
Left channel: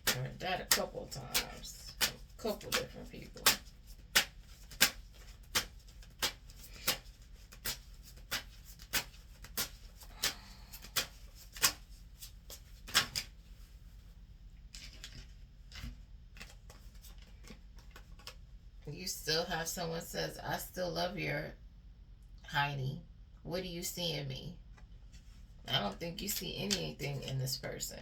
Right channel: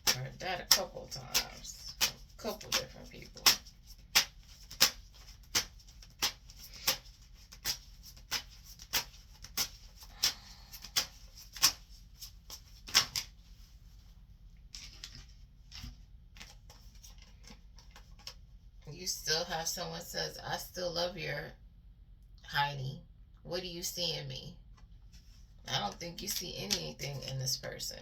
I heard that a couple times. A couple different people. You still have someone says, I still love your Heidi. What do you see in me? I don't think you see anything in this person.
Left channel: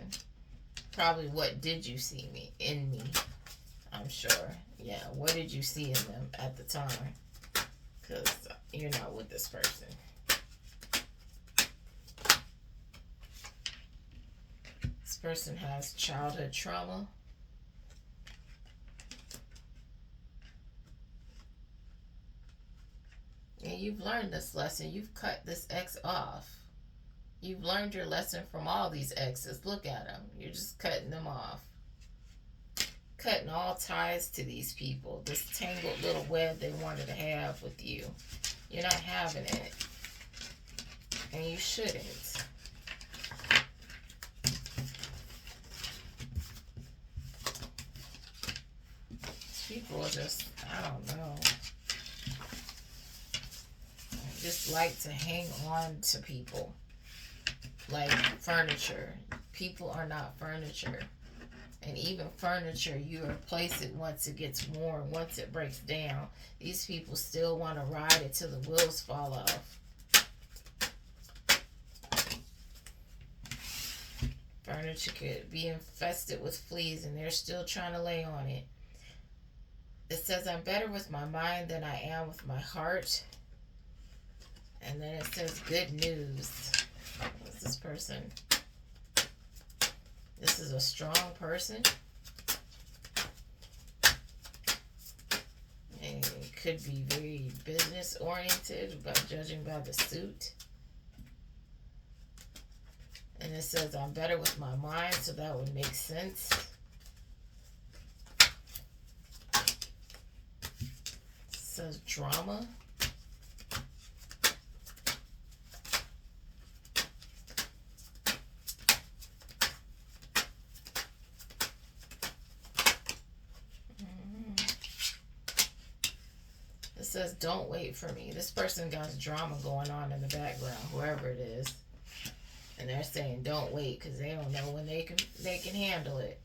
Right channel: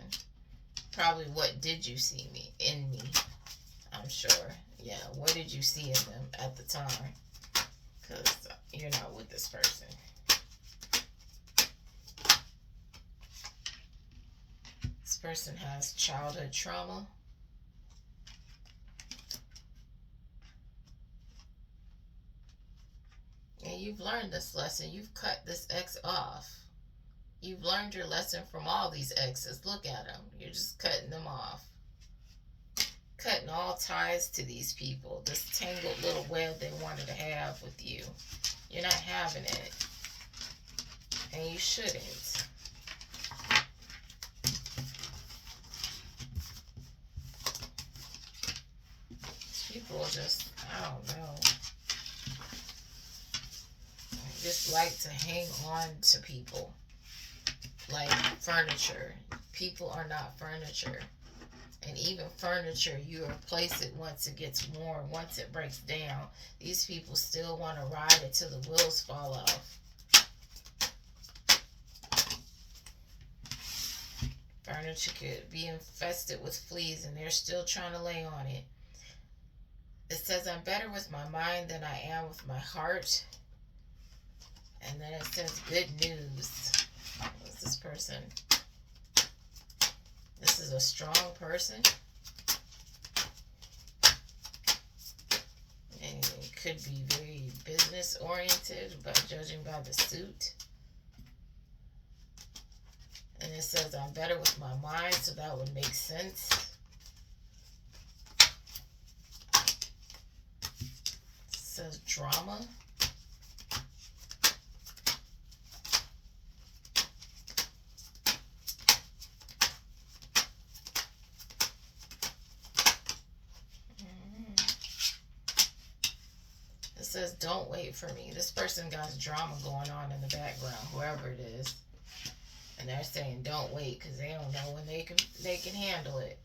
Probably what did you see in me? I'm sure. Yeah, what did you see in them at the time? Because you're not with this person. This person has childhood trauma. And you've learned this lesson. You've cut this ex off. You've learned your lesson from all these exes. Look at them. You're just cutting them off. Cutting all ties to these people. This tangled little web they wanted to have with you. You're not having it. And you shouldn't. People just, I don't know. Just like to hang on to people like furniture. People are not furniture. And even furniture, you replace it once it gets worn, once it breaks down. These people still want to ride it till the wheels fall off. Furniture could be infested with fleas and they're still trying to lay on it. It says, I'm better with my mind than I am with my heart. And then it says, good news. What's this person? This is a strong person. And it could be very business oriented, but judging by the suit. And it says, I'm better with my mind, so that would make sense. It says drama. Says don't wait for me. This person got drama going on in the background, whoever it is, and they're saying don't wait because they don't know when they can handle it.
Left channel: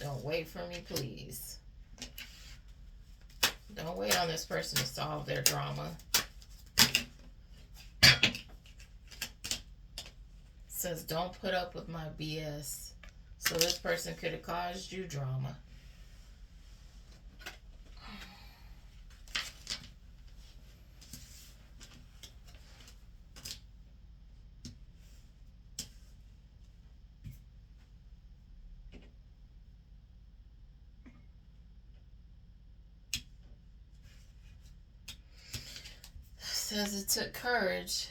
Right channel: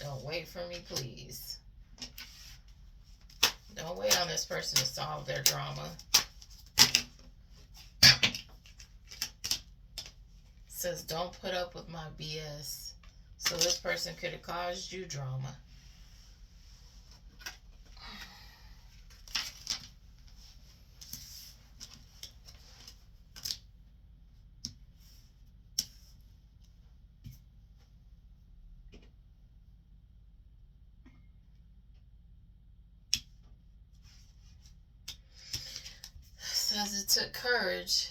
Don't wait for me, please. Don't wait on this person to solve their drama. It says don't put up with my BS. So this person could have caused you drama. Because it took courage.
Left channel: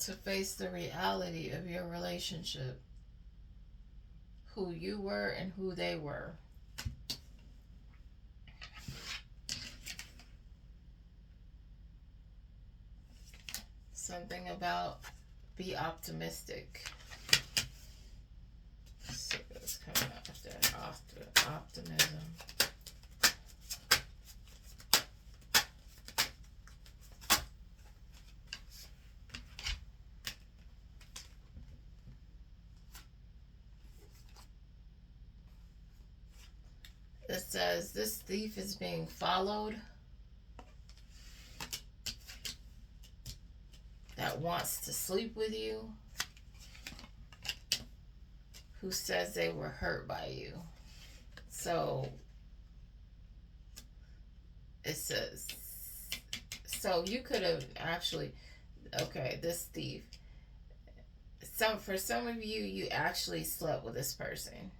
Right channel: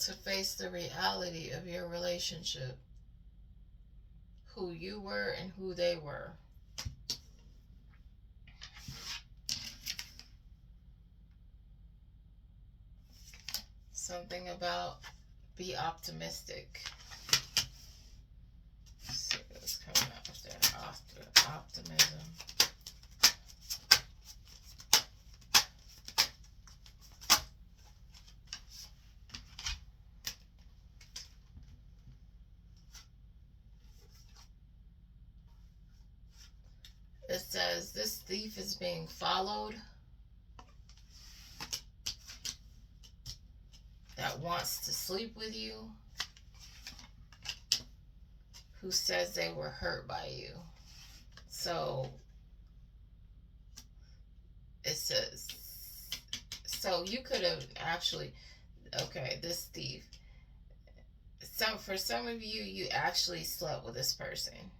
To face the reality of your relationship, who you were and who they were. Something about be optimistic. Let's see what's coming up there. Optimism. It says this thief is being followed, that wants to sleep with you, who says they were hurt by you. So it says, so you could have actually, okay, this thief. For some of you, you actually slept with this person.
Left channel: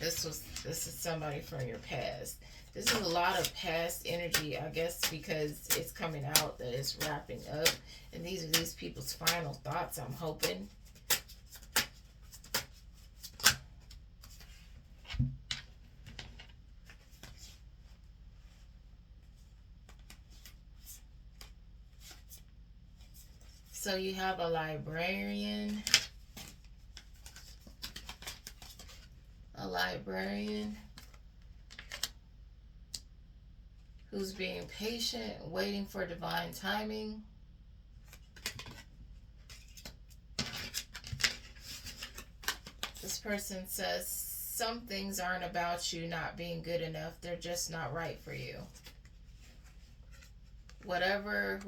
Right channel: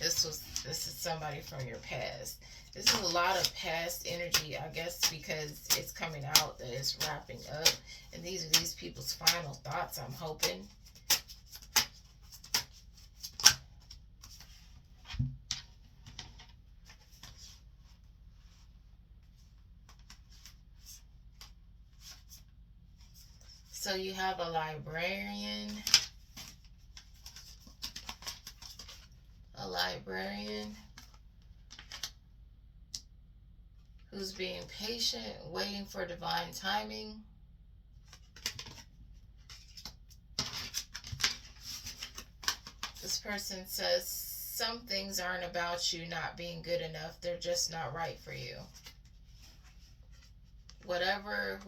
This is somebody from your past. This is a lot of past energy, I guess, because it's coming out that it's wrapping up. And these are these people's final thoughts, I'm hoping. So you have a librarian. A librarian who's being patient, waiting for divine timing. This person says some things aren't about you not being good enough. They're just not right for you. Whoever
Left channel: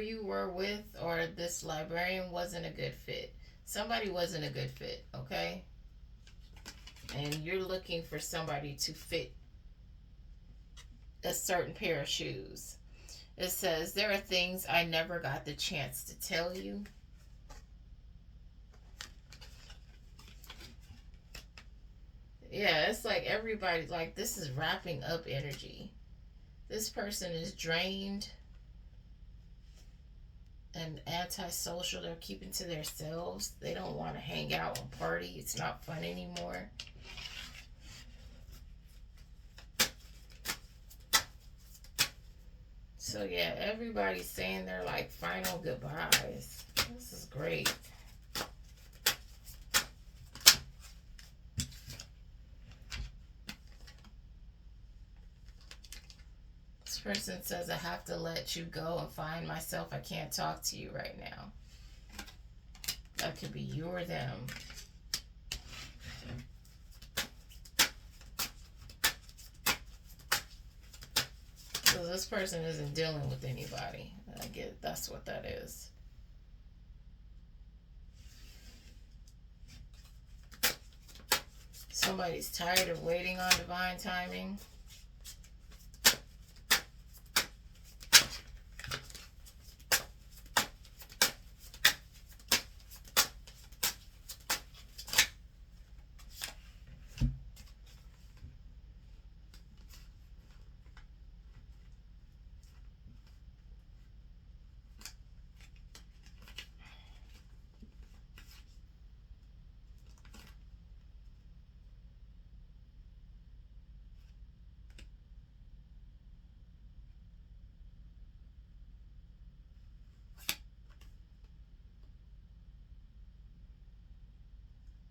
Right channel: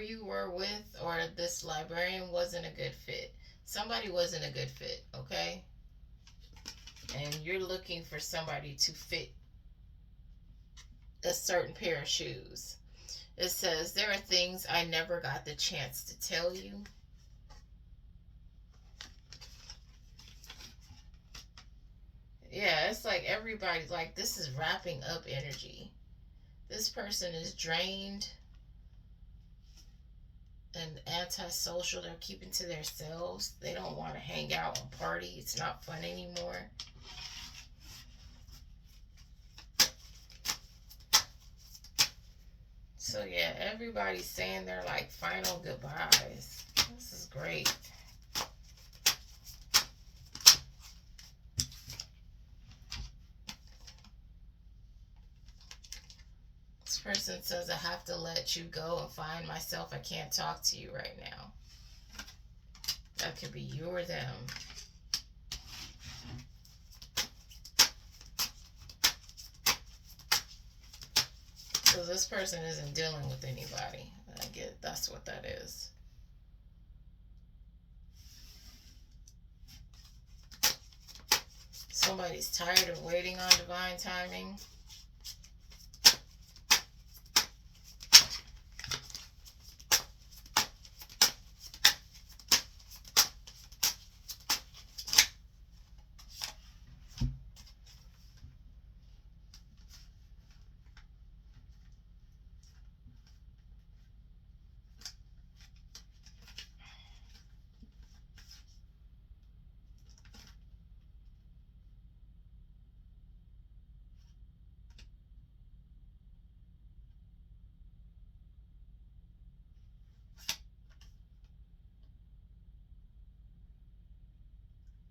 you were with, or this librarian wasn't a good fit. Somebody wasn't a good fit, okay? And you're looking for somebody to fit a certain pair of shoes. It says, there are things I never got the chance to tell you. Yeah, it's like everybody, like this is wrapping up energy. This person is drained and antisocial. They're keeping to themselves. They don't want to hang out and party. It's not fun anymore. So yeah, everybody's saying their like final goodbyes. This is great. This person says, I have to let you go and find myself. I can't talk to you right now. That could be you or them. So this person isn't dealing with anybody. I get that's what that is. Somebody's tired of waiting on divine timing.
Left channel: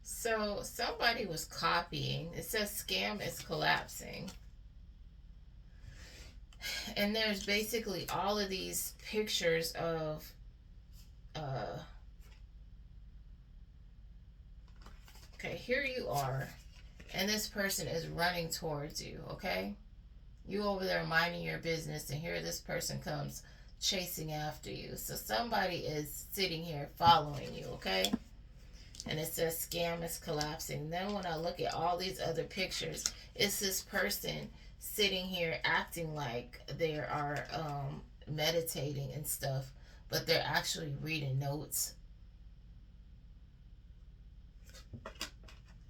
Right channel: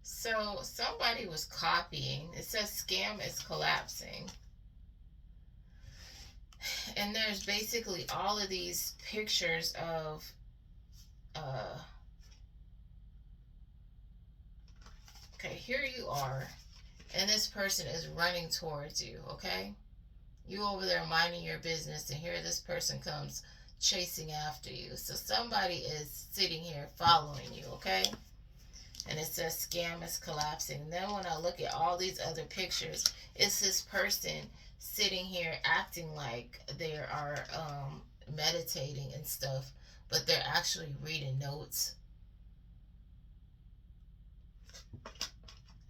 So somebody was copying. It says scam is collapsing. And there's basically all of these pictures of okay, here you are, and this person is running towards you, okay? You over there minding your business, and here this person comes chasing after you. So somebody is sitting here following you, okay? And it says scam is collapsing. Then when I look at all these other pictures, it's this person sitting here acting like they are meditating and stuff, but they're actually reading notes.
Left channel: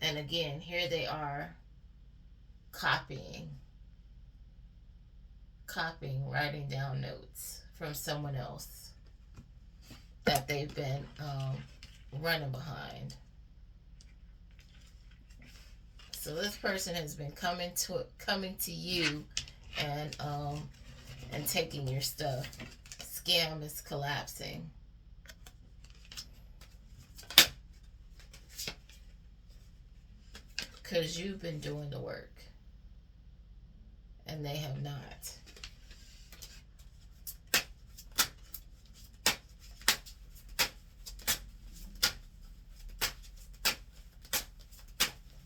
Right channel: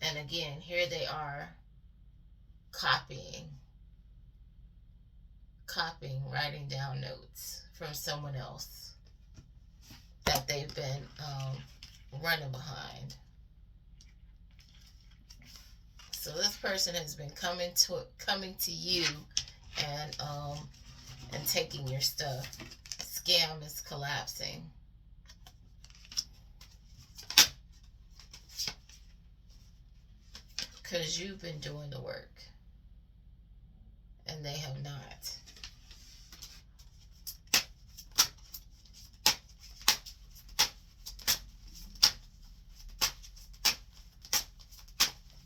And again, here they are copying, writing down notes from someone else that they've been running behind. So this person has been coming to you and taking your stuff. Scam is collapsing. Because you've been doing the work and they have not.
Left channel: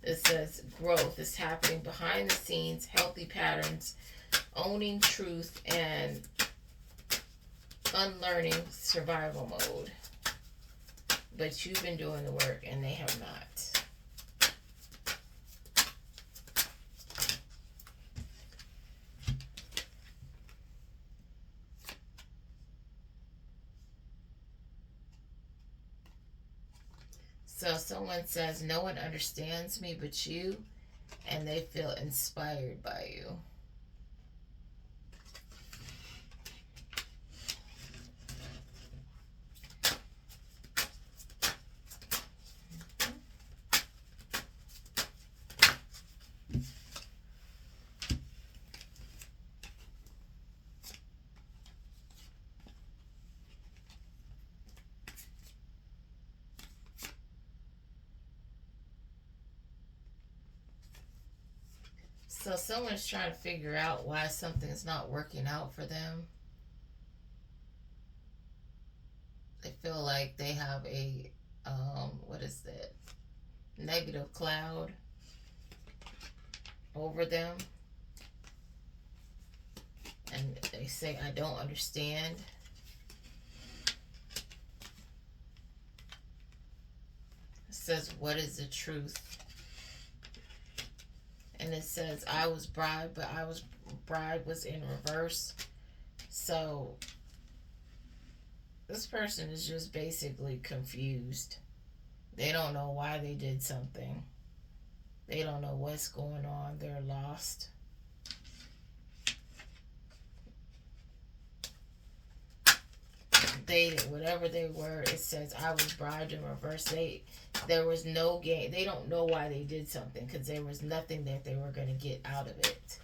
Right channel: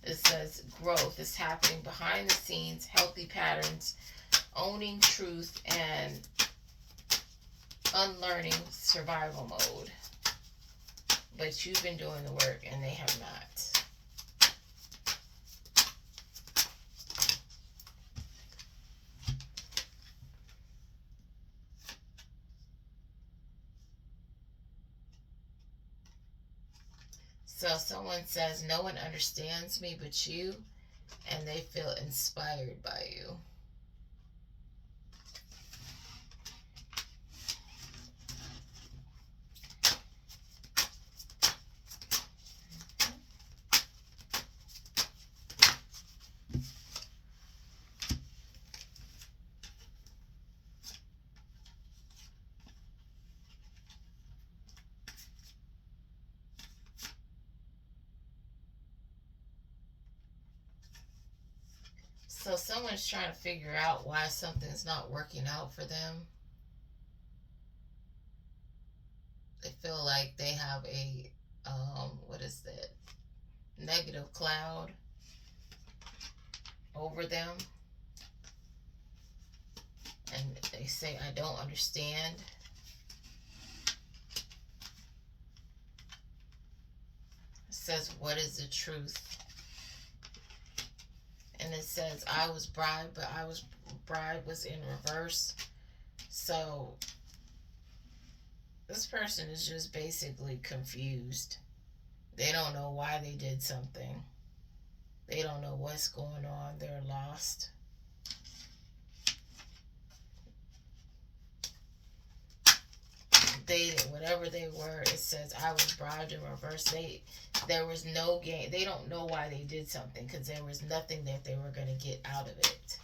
It says growth is happening behind the scenes, healthy patterns, owning truth, and unlearning survival mode. But you've been doing the work and they have not. So someone says, no one understands me but you, and they feel inspired by you. So someone's trying to figure out why something's not working out for them. They feel like they have a, what is that? Negative cloud over them. And they say, I don't understand. It says, what is the truth? And it says, I was bribed, but bride was in reverse. So this person is just basically confused. They don't know why they did something. They don't know what's going on. They're lost. Whatever they were, it says, I was bribed in reverse. There was no gain. They don't know why they did something because there was nothing that they were going to get out of it.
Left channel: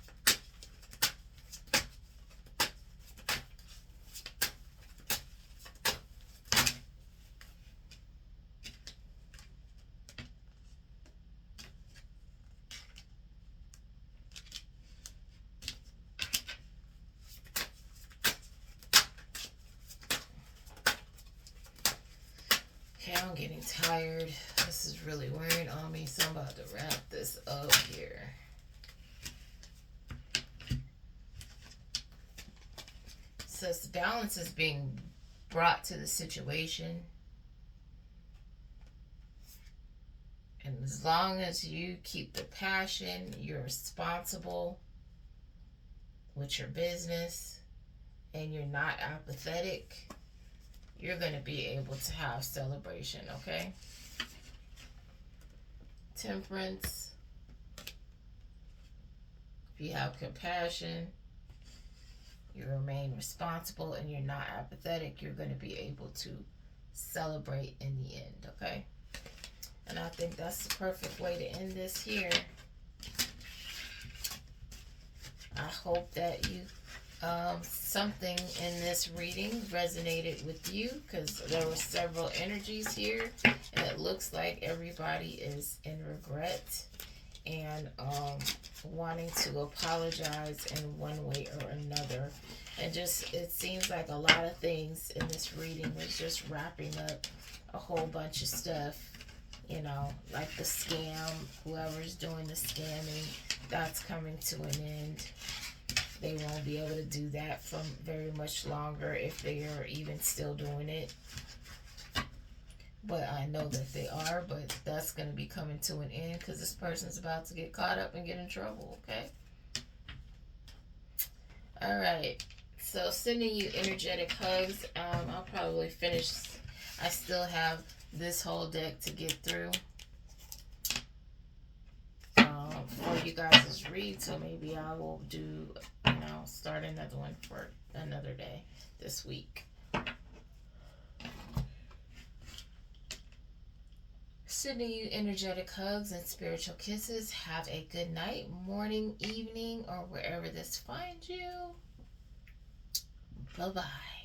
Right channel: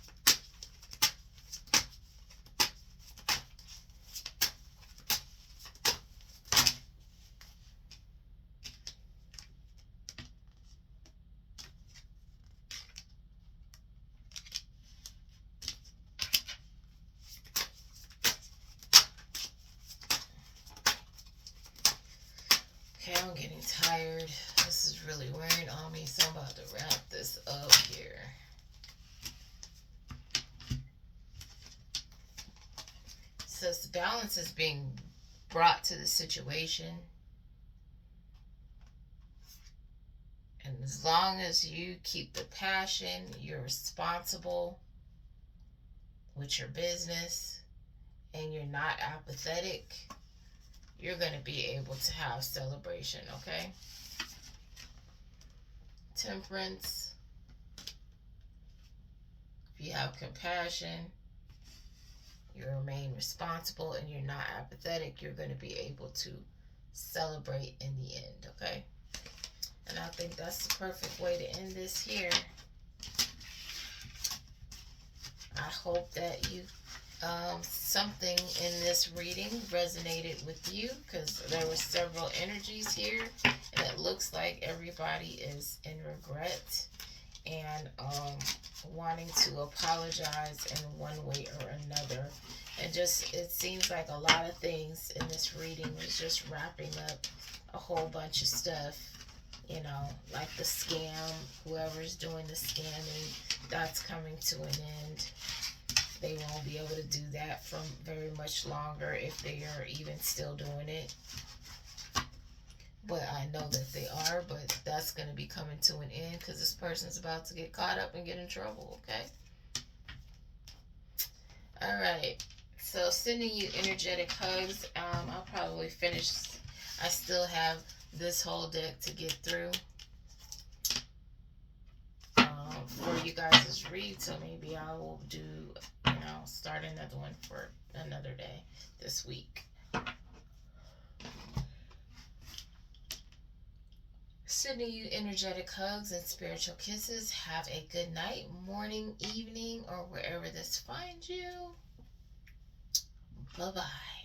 Okay, I'm getting tired. This is really wearing on me, so I'm about to wrap this up here. So balance is being brought to the situation. And as long as you keep the passion, you're responsible with your business, and you're not apathetic, you're going to be able to have celebration, okay? Temperance. If you have compassion, you remain responsible, and you're not apathetic, you're going to be able to celebrate in the end, okay? And I think that's the perfect way to end this here. I hope that you something in this reading resonated with you, because there were several energies here, and it looks like everybody is in regret and wanting to apologize in one way or another. And just, it seems like a lot of things in this reading was just wrapping up a whole bunch of stuff, you know, like the scam. Whoever's doing the scamming, that's coming to an end. They won't be able to do that for very much longer if they are even still doing it. But I know that they are, but that's going to be coming to an end because this person's about to get caught up and get in trouble, okay? All right. So sending you energetic hugs. I'll probably finish. I still have this whole deck to get through for you guys' read. So maybe I will do, start another one for another day this week. Sending you energetic hugs and spiritual kisses. Have a good night, morning, evening, or wherever this finds you. Bye-bye.